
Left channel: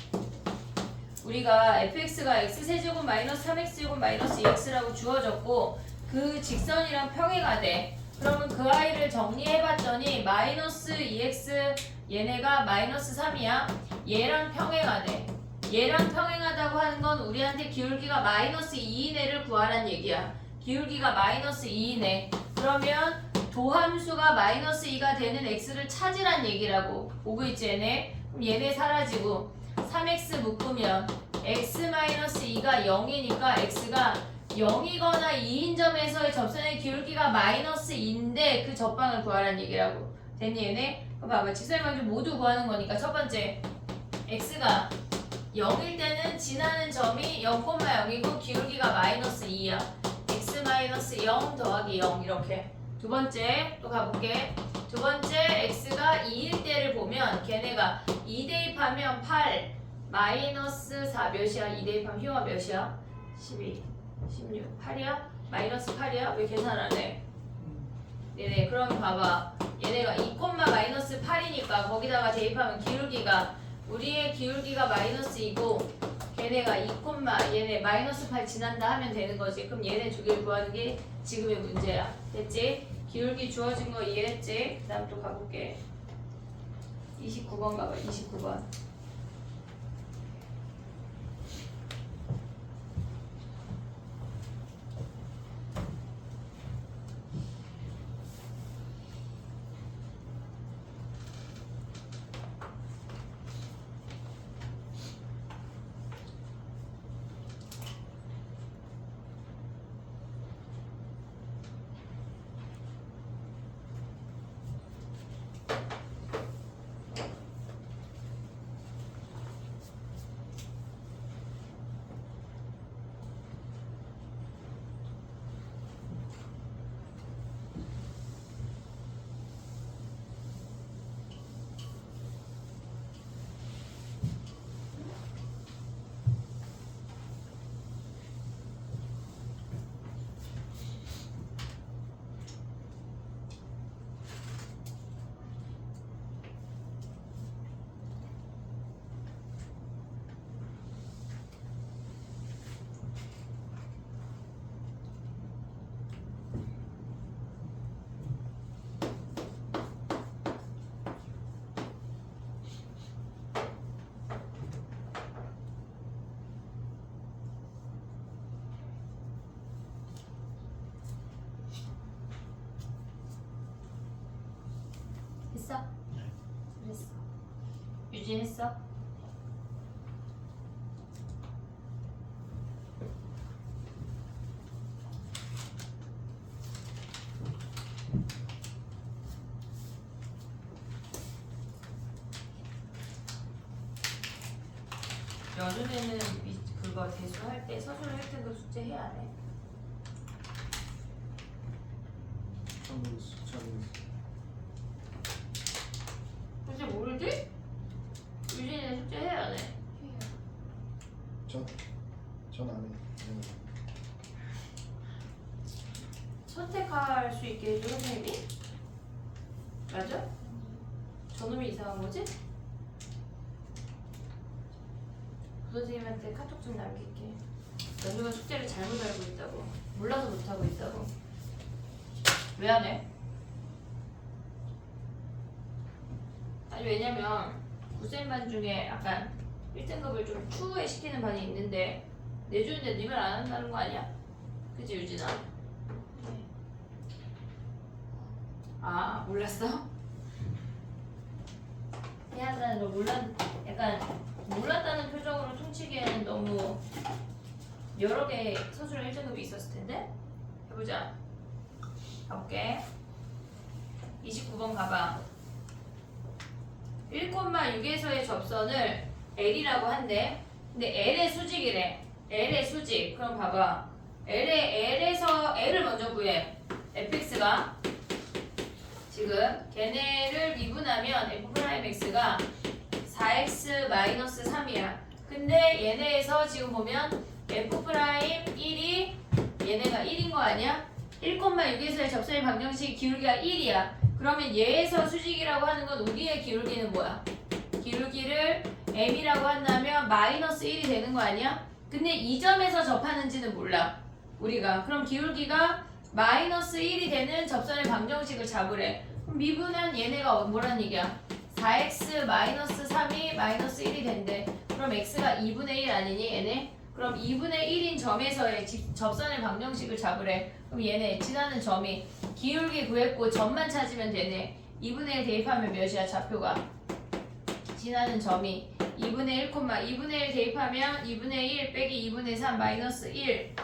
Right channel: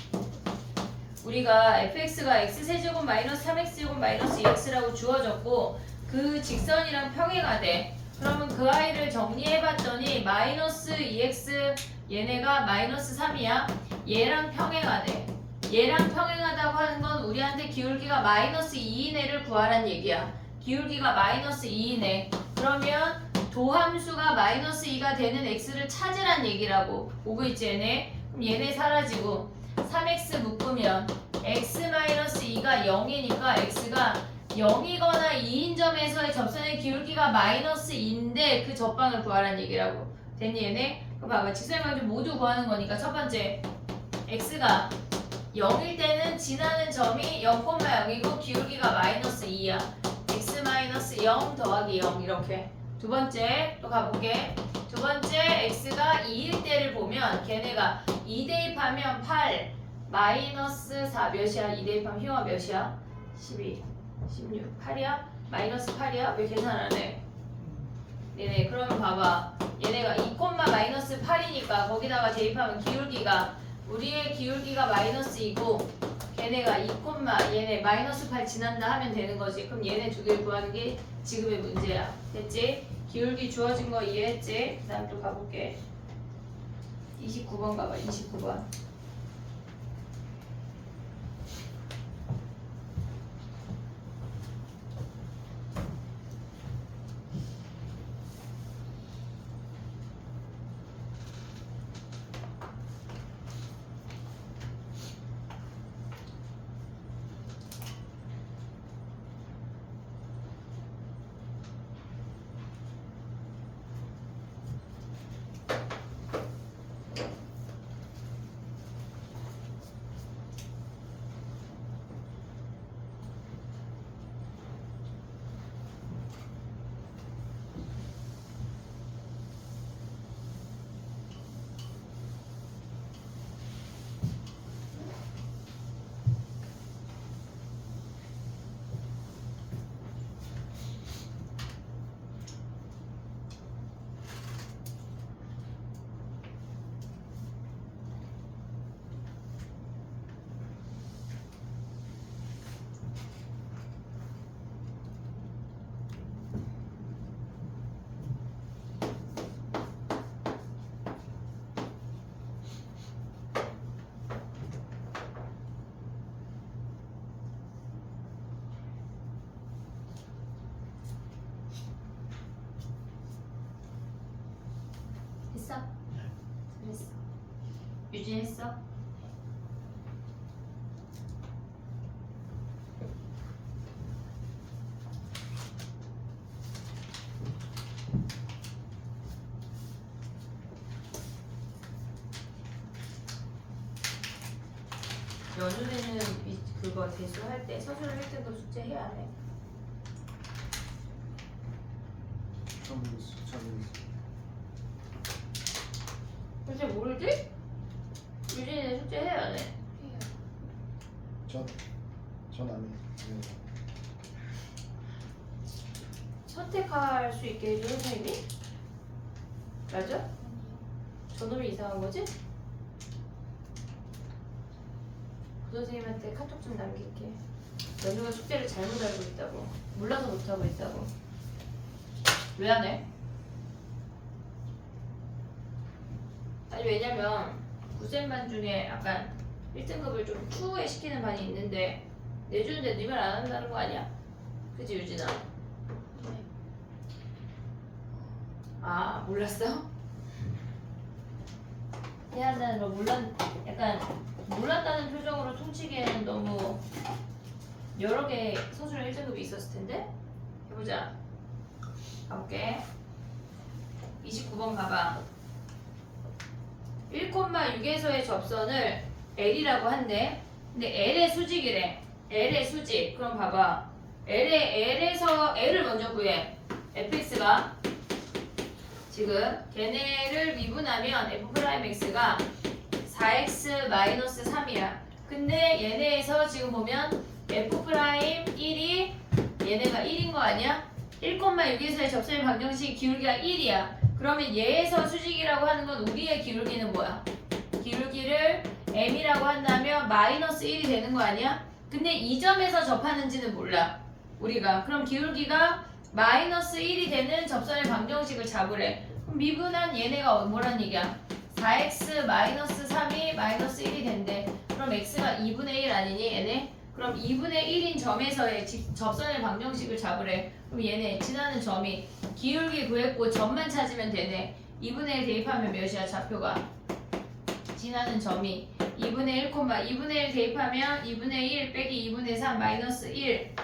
우리가 fx가 x세제곱 마이너스 3x제곱 마이너스 2x라고 주어졌고 그 직선이랑 평행하 돼. 그러면 그 아이를 정리해봤더니 마이너스 2x 얘네가 마이너스 3이야. 얘랑 평행하대. 얘랑 평행하다고 하는 건 우리한테 기울기가 마이너스 2인 애를 구하란 얘기야. 기울기가 마이너스 2인 애. 그러면 도함수가 마이너스 2가 되는 x를 찾으란 얘기라고. 보고 있지 얘네? 그럼 얘네 사라지고 3x 묶으면 x-2가 0이니까 x가 0이거나 2인 점에서의 접선의 기울기가 마이너스 2인데 그 접방을 구하란 얘기라고. 됐니 얘네? 그럼 봐봐. 직선의 모두 구하는 거니까 첫 번째 x가 0일 때는 지나는 점이 0,0이고 기울기가 마이너스 2야. x-0 더하기 0 이렇게. 두 번째 또 가볼게. 두 번째 x가 2일 때를 보면 걔네가 2 대입하면 8 마이너스 4 몇이야? 2 대입하면 효가 몇이야? 12 16 8이야? 마이너스 8이야? 왜 계산 안 해? 네네. 그러면 봐봐. 얘네가 2 마이너스 8이니까 거기다가 대입하면 기울기가 우리의 기울기가 마이너스 2고 걔네가 2 얘네 마이너스 8 지난다 하면 되는 거지. 그럼 얘네 두 개를 구하는 게 지금의 문제야. 됐지? 기울기 주어진 거 이해했지? 그 다음 또 가볼게. 29번 가봐. 29번. 했어? 했어. 유지했어? 연준에는 그거 대수할 때 서술 할 때도 숙제 해야 안 해? 잘 모르겠어. 글쎄 모르지? 유진이는 숙제 해야 안 해? 해요. 전 안 해. 네. 선택할 수 있게 해줘 선생님이? 맞아? 저놈이 이상한 거지? 그 선생님한테 카톡 좀 남길게. 연주가 숙제를 잘못 알고 있다고. 몰라서 못하고 있다고. 왜 안 해? 아니 왜냐면 9쌤반 중에 약간 1등급을 좀 추후에 시키는 반이 있는데 내주는데 니 말 안 한다는 거 아니야? 그치 유진아? 네. 아 몰랐어? 해야 한다는 걸 약간 몰랐다는 표정으로 퉁치기에는 너무 여러 개 서술형 1등급이 있었을 텐데. 해보자. 가볼게. 29번 가봐. 1,6에서의 접선을 L이라고 한대. 근데 L의 수직이래. L의 수직. 그럼 봐봐. L에서 L을 먼저 구해. fx가 지금 걔네를 미분하면 f'x가 4x-3이야. 근데 얘네에서 지금 보면 f'1이 얘네가 1인 거 아니야? 1,6에서의 접선의 방정식 기울기가 1이야. 그러면 얘에서 수직이라고 하는 건 우리의 기울기는 뭐야? 기울기를 m이라고 한다면 마이너스 1이 되는 거 아니야? 근데 이 점에서 접하는지는 몰라 우리가. 그럼 기울기가 마이너스 1이 되는 접선의 방정식을 잡으래. 그럼 미분한 얘네가 뭐란 얘기야? 4x-3이 마이너스 1이 된대. 그럼 x가 2분의 1 아니니 얘네? 그럼 2분의 1인 점에서의 접선의 방정식을 잡으래. 그럼 얘네 지나는 점이 기울기 구했고 점만 찾으면 되네. 2분의 1 대입하면 몇이야 좌표가? 지나는 점이 2분의 1, 2분의 1 대입하면 2분의 1 빼기 2분의 3 마이너스 1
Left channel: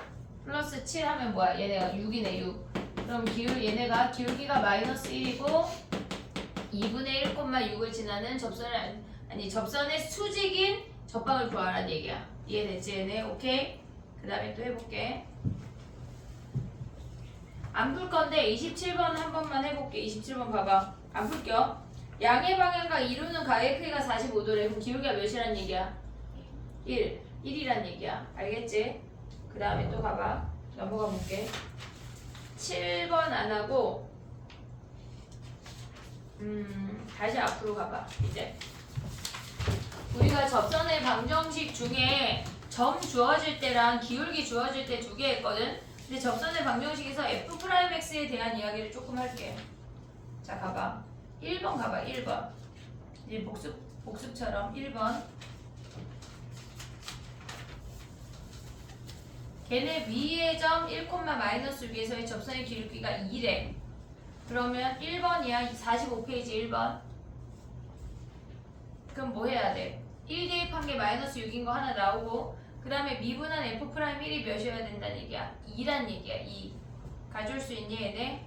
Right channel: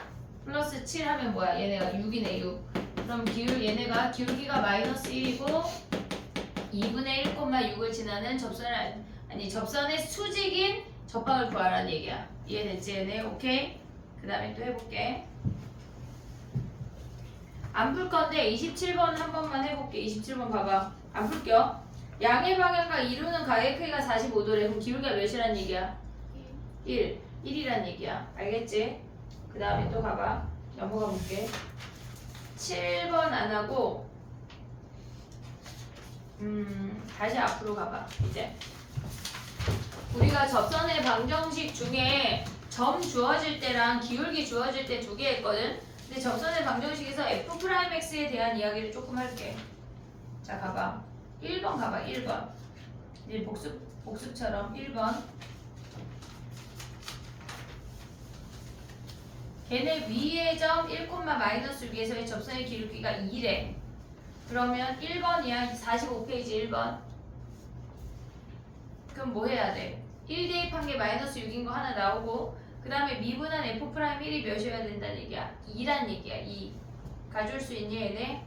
플러스 7 하면 뭐야? 얘네가 6이네 6. 그럼 얘네가 기울기가 마이너스 1이고 2분의 1,6을 지나는 접선의 수직인 접방을 구하라는 얘기야. 이해됐지 얘네? 오케이? 그 다음에 또 해볼게. 안 풀 건데 27번 한 번만 해볼게. 27번 봐봐. 안 풀게요. 양의 방향과 이루는 가의 크기가 45도래. 그럼 기울기가 몇이란 얘기야? 1. 1이란 얘기야. 알겠지? 그 다음에 또 가봐. 넘어가 볼게. 7번 안 하고 다시 앞으로 가봐. 이제 우리가 접선의 방정식 중에 점 주어질 때랑 기울기 주어질 때 두 개 했거든. 근데 접선의 방정식에서 f'x에 대한 이야기를 조금 할게. 자 가봐. 1번 가봐. 1번. 이제 복습처럼 1번. 걔네 위의 점 1,-6에서의 접선의 기울기가 2래. 그러면 1번이야. 45페이지 1번. 그럼 뭐 해야 돼? 1 대입한 게 마이너스 6인 거 하나 나오고 그 다음에 미분한 f'1이 몇이어야 된다는 얘기야? 2란 얘기야. 2. 가져올 수 있니 얘네?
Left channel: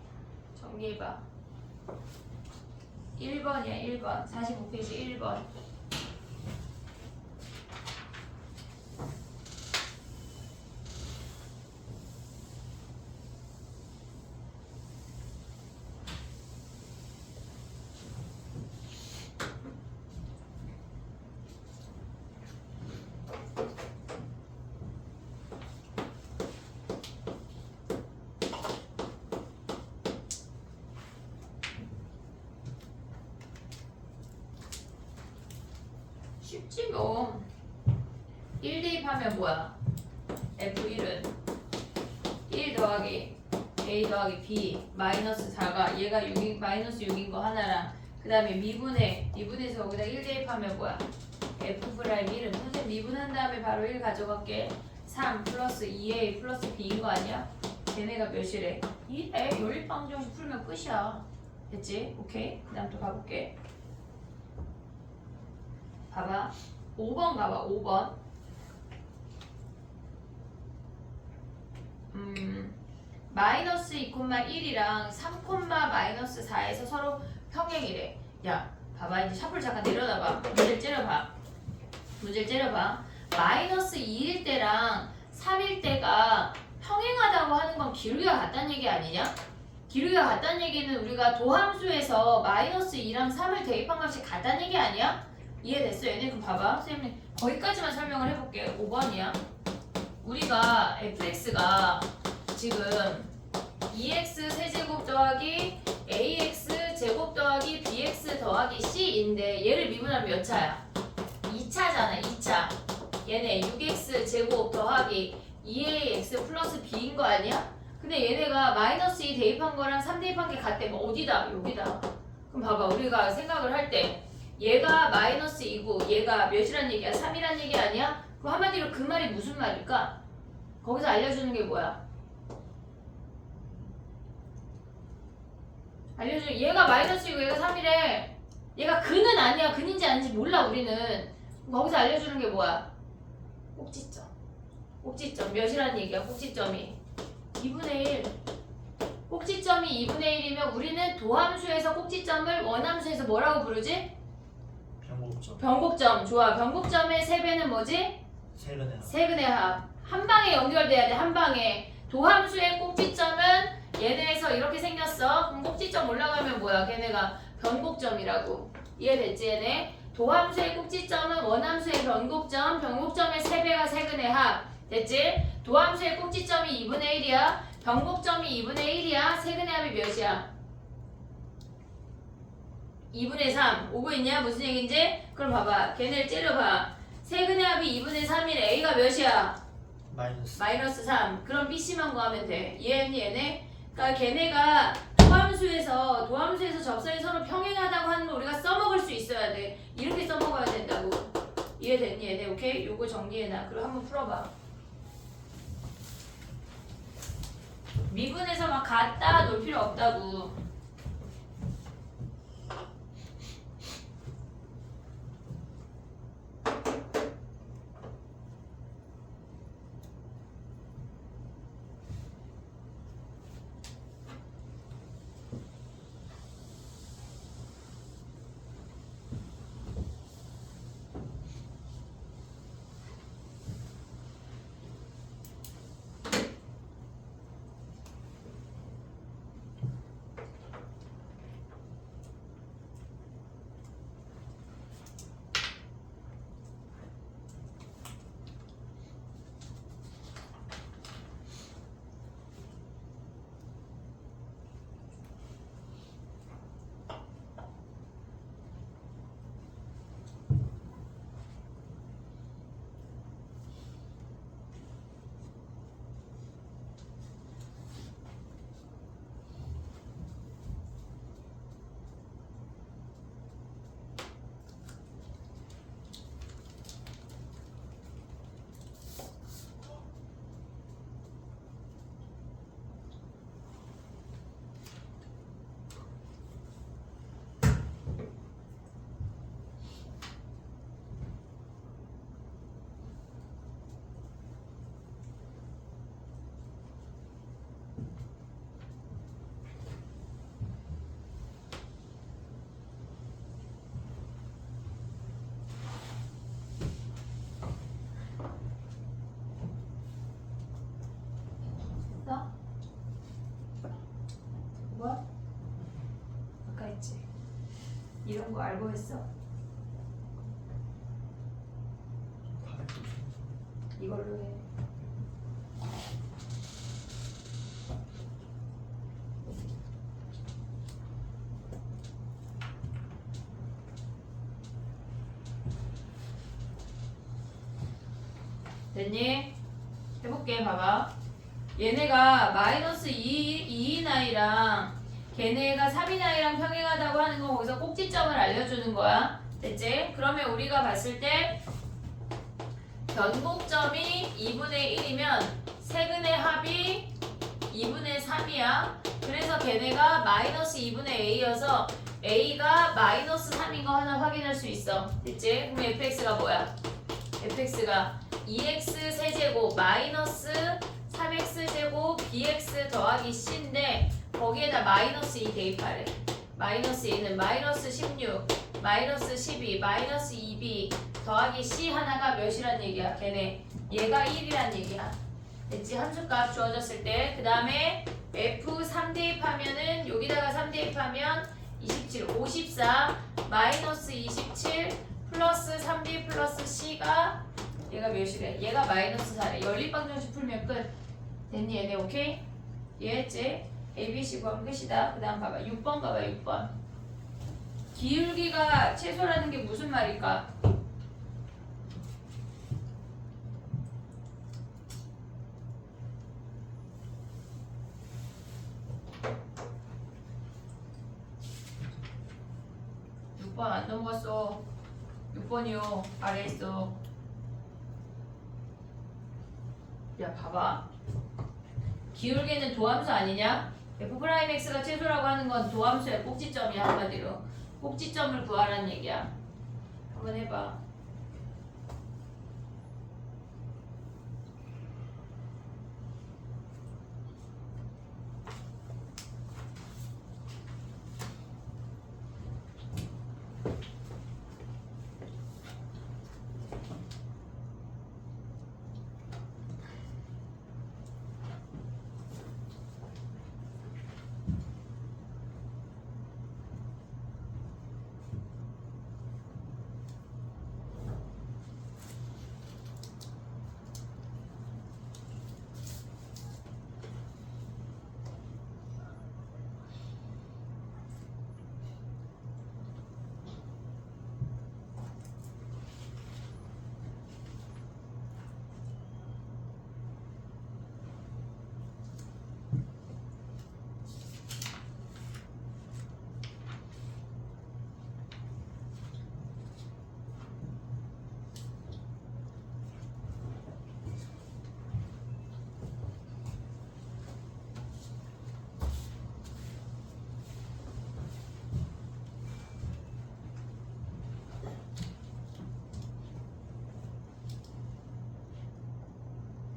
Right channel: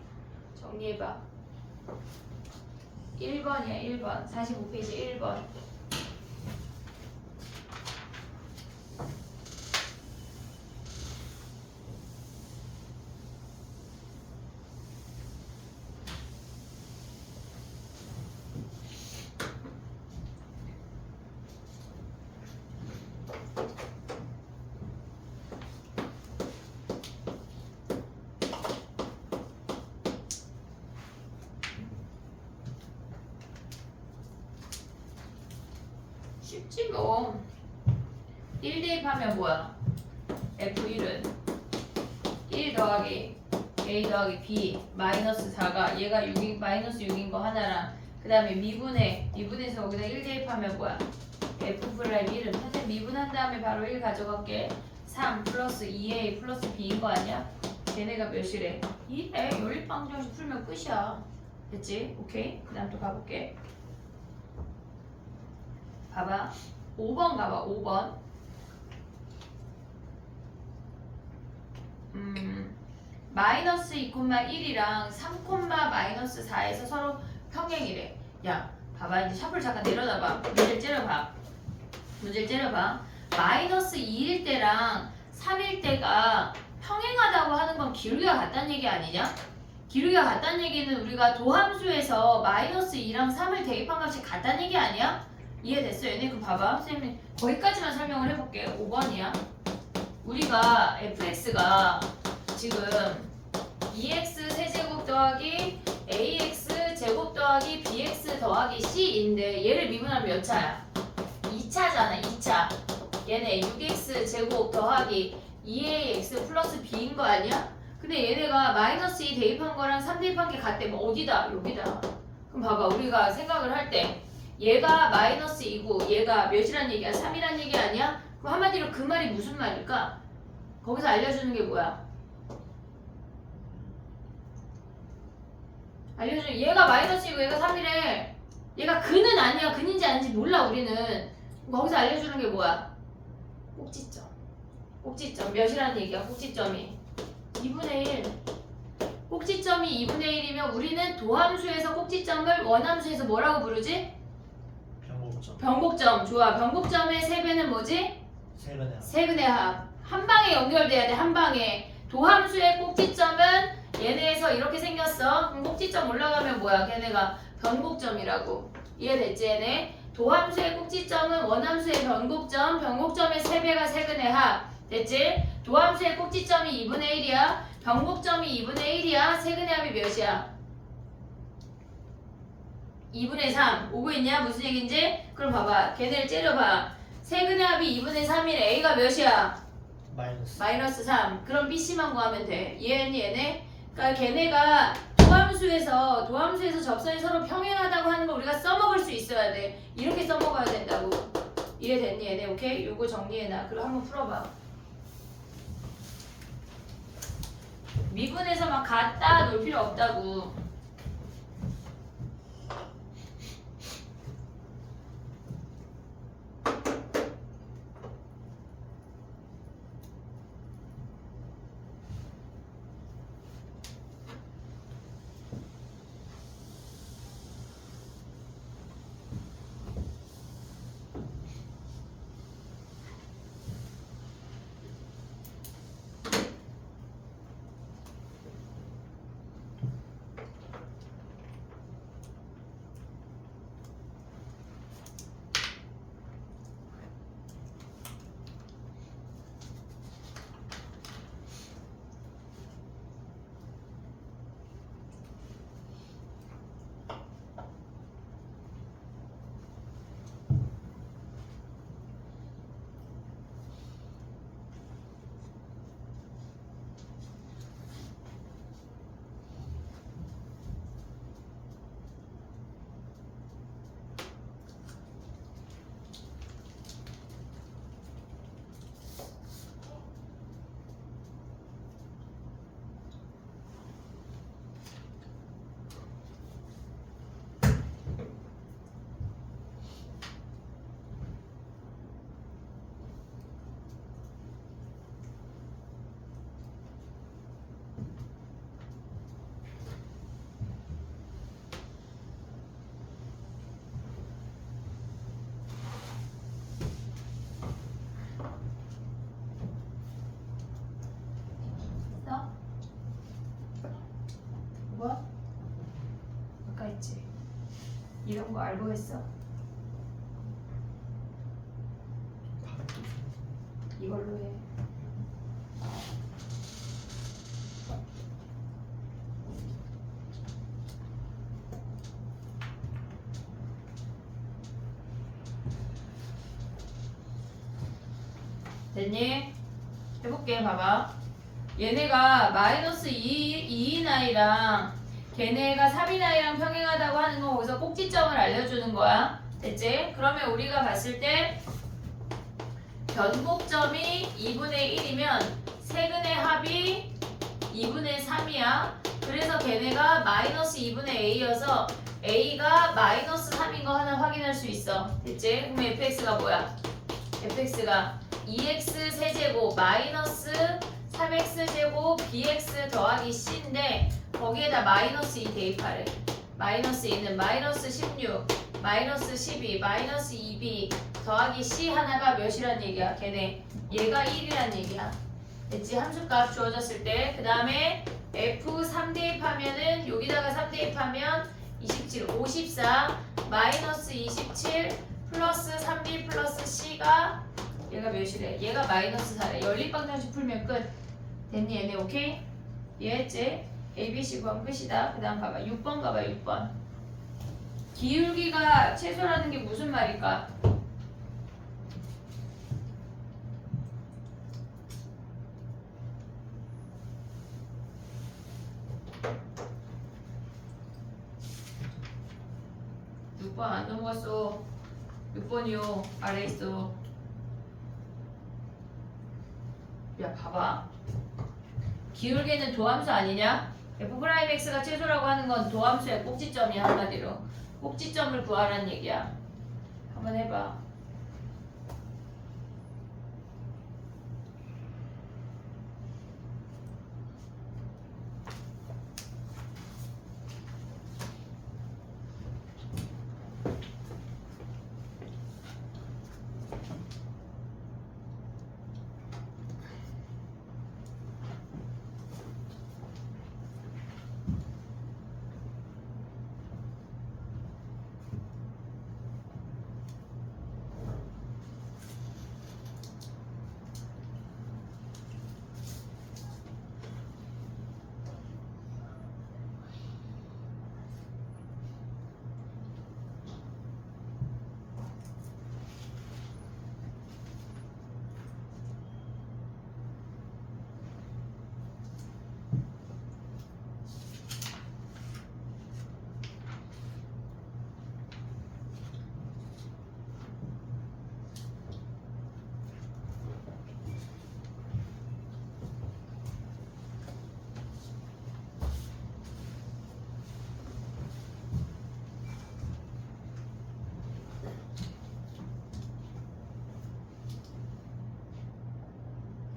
정리해봐. 1번이야 1번. 45페이지 1번. 쉽지 뭐. 1 대입하면 뭐야? F1은 1 더하기 A 더하기 B 마이너스 4가 얘가 6인, 마이너스 6인 거 하나랑 그 다음에 미분해서 거기다 1 대입하면 뭐야? F'1은 선생님 미분한 다음에 바로 1 가져갈게. 3 플러스 2A 플러스 B인 거 아니야? 걔네가 몇이래? 2래. 연립방정식 풀면 끝이야. 됐지? 오케이? 그 다음 또 가볼게. 봐봐. 5번 봐봐. 5번. 마이너스 2,1이랑 3,-4에서 서로 평행이래. 야, 봐봐. 이제 샤프를 잠깐 내려놔봐. 문제를 째려봐. 마이너스 2일 때랑 3일 때가 평행하다고 하는 건 기울기가 같다는 얘기 아니냐? 기울기가 같다는 얘기는 우리가 도함수에서 마이너스 2랑 3을 대입한 값이 같다는 얘기 아니야? 이해됐어 얘네? 그럼 봐봐. 선생님 거기까지만 설명을 해볼게. 5번이야. 우리가 fx가 지금 2x 세제곱 더하기 ax 제곱 더하기 bx 더하기 c인데 얘를 미분하면 몇 차야? 2차잖아. 2차. 얘네 6x 제곱 더하기 2ax 플러스 b인 거 아니야? 근데 얘네가 마이너스 2 대입한 거랑 3 대입한 게 같대. 뭐 어디다? 여기다. 그럼 봐봐. 우리가 생각을 할 때 얘가 마이너스 2고 얘가 몇이란 얘기야? 3이란 얘기 아니야? 그럼 한마디로 그 말이 무슨 말일까? 거기서 알려주는 게 뭐야? 알려주는 얘가 마이너스 2고 얘가 3이래. 얘가 근은 아니야. 근인지 아닌지 몰라 우리는. 거기서 알려주는 게 뭐야? 꼭지점. 꼭지점 몇이라는 얘기야? 꼭지점이 2분의 1. 꼭지점이 2분의 1이면 우리는 도함수에서 꼭지점을 원함수에서 뭐라고 부르지? 변곡점. 좋아. 변곡점의 세배는 뭐지? 세분의 합. 한 방에 연결돼야 돼. 한 방에. 도함수의 꼭지점은 얘네에서 이렇게 생겼어. 그럼 꼭지점 올라가면 뭐야? 걔네가 변곡점이라고. 이해됐지 얘네? 도함수의 꼭지점은 원함수의 변곡점. 변곡점의 세배가 세근의 합. 됐지? 도함수의 꼭지점이 2분의 1이야. 변곡점이 2분의 1이야. 세근의 합이 몇이야? 2분의 3. 오고 있냐? 무슨 얘긴지? 그럼 봐봐. 걔네를 째려봐. 세근의 합이 2분의 3이래. A가 몇이야? 마이너스 3. 그럼 BC만 구하면 돼. 이해했니 얘네? 그러니까 걔네가 도함수에서 접선이 서로 평행하다고 하는 거 우리가 써먹을 수 있어야 돼. 이렇게 써먹어야 된다고. 이해됐니 얘네? 오케이? 요거 정리해놔. 그리고 한번 풀어봐. 미분해서 막 갖다 놓을 필요 없다고. 했지. 이런 거 알고 했어. 이걸로 해. 됐니? 해볼게. 봐봐. 얘네가 마이너스 2인 i랑 걔네가 3인 i랑 평행하다고 하는 건 거기서 꼭지점을 알려주는 거야. 됐지? 그러면 우리가 봤을 때 변곡점이 2분의 1이면 세근의 합이 2분의 3이야. 그래서 걔네가 마이너스 2분의 a여서 a가 마이너스 3인 거 하나 확인할 수 있어. 됐지? 그럼 fx가 뭐야? fx가 2x 세제곱 마이너스 3x 제곱 bx 더하기 c인데 거기에다 마이너스 2 대입하래. 마이너스 2는 마이너스 16, 마이너스 12, 마이너스 2b 더하기 c 하나가 몇이란 얘기야? 걔네 얘가 1이란 얘기야. 됐지? 함수값 주어졌을 때 그 다음에 f 3 대입하면은 여기다가 3 대입하면 27, 54 마이너스 27 플러스 3b 플러스 c가 얘가 몇이래? 얘가 마이너스 4래. 연립방정식 풀면 끝. 됐니 얘네? 오케이? 이해했지? ABC 구하면 끝이다. 그 다음 봐봐. 6번 가봐. 6번. 기울기가 최소라는 게 무슨 말일까? 안 넘어갔어. 6번이요. 아래에 있어. 야 봐봐. 기울기는 도함수 아니냐? f'x가 최소라고 하는 건 도함수의 꼭지점이야. 한마디로 꼭지점을 구하라는 얘기야. 한번 해봐.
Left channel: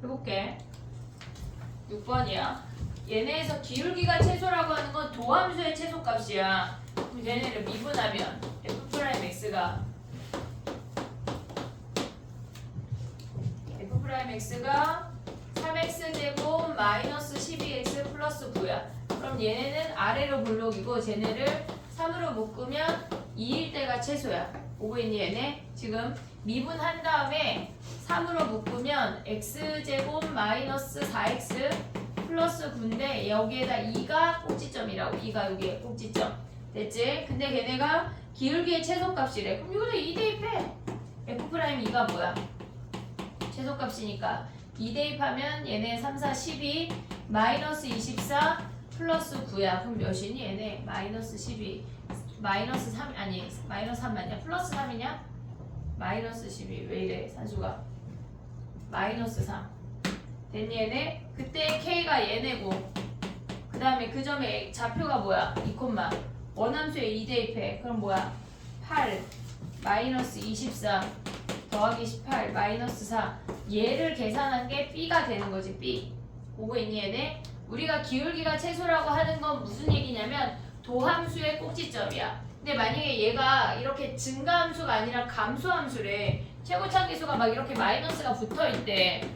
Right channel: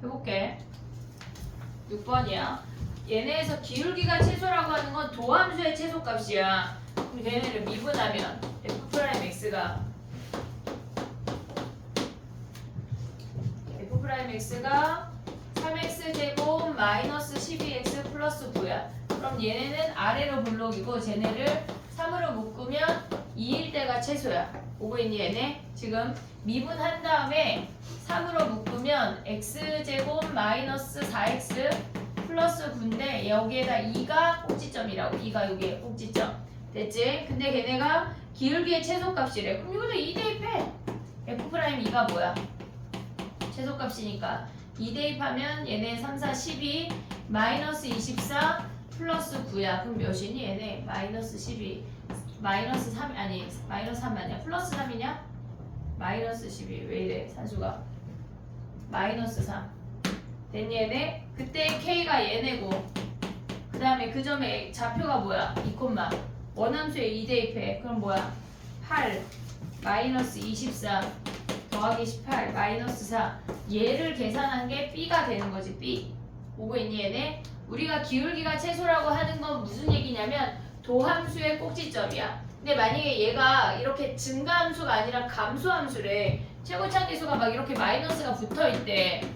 해볼게. 6번이야. 얘네에서 기울기가 최소라고 하는 건 도함수의 최소값이야. 그럼 얘네를 미분하면 f'x가 f'x가 3x 제곱 마이너스 12x 플러스 9야. 그럼 얘네는 아래로 블록이고 쟤네를 3으로 묶으면 2일 때가 최소야. 오고 있니 얘네? 지금 미분한 다음에 3으로 묶으면 x제곱 마이너스 4x 플러스 9인데 여기에다 2가 꼭지점이라고. 2가 여기에 꼭지점. 됐지? 근데 걔네가 기울기의 최소값이래. 그럼 이거는 2 대입해. f'2가 뭐야? 최소값이니까 2 대입하면 얘네 3, 4, 12 마이너스 24 플러스 9야. 그럼 몇이니 얘네? 마이너스 12 마이너스 3 아니 마이너스 3 아니야? 플러스 3이냐? 마이너스 12 왜 이래 산수가? 마이너스 3 됐니 얘네? 그때 K가 얘네고 그 다음에 그 점에 좌표가 뭐야? 2, 원함수에 2 대입해. 그럼 뭐야? 8 마이너스 24 더하기 18 마이너스 4 얘를 계산한 게 B가 되는 거지. B 보고 있니 얘네? 우리가 기울기가 최소라고 하는 건 무슨 얘기냐면 도함수의 꼭지점이야. 근데 만약에 얘가 이렇게 증가함수가 아니라 감소함수래. 최고차계수가 막 이렇게 마이너스가 붙어있대.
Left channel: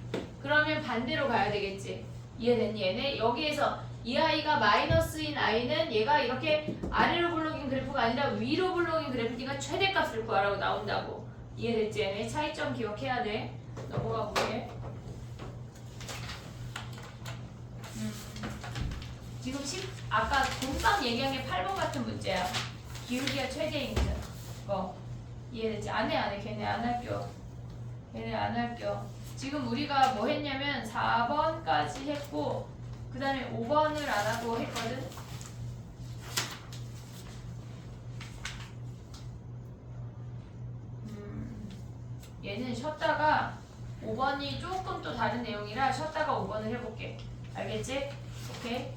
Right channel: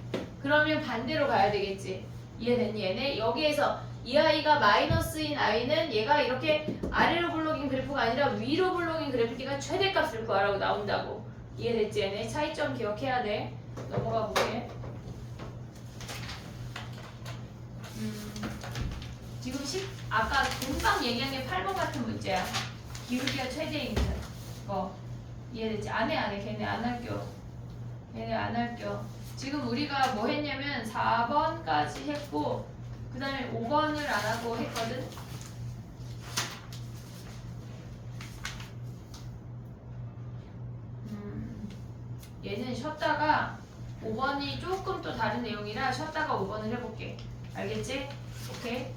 그러면 반대로 가야 되겠지. 이해됐니 얘네? 여기에서 이 아이가 마이너스인 아이는 얘가 이렇게 아래로 굴러긴 그래프가 아니라 위로 굴러긴 그래프니까 최대값을 구하라고 나온다고. 이해됐지? 얘네 차이점 기억해야 돼. 넘어가 볼게. 지금 아까 금방 얘기한 게 8번 같은 문제야. 기울기가 최대인 거. 이해됐지? 안 해. 걔네 안 할겨. 걔네 안 할겨. 지금 우리가 뭐 했냐면 4번까지 했고 그 다음에 5번을 안 하고 했거든. 얘는 쉬었다가 5번이 조금 또 다른 내용이라 쉬었다가 5번을 해볼게. 알겠지? 오케이?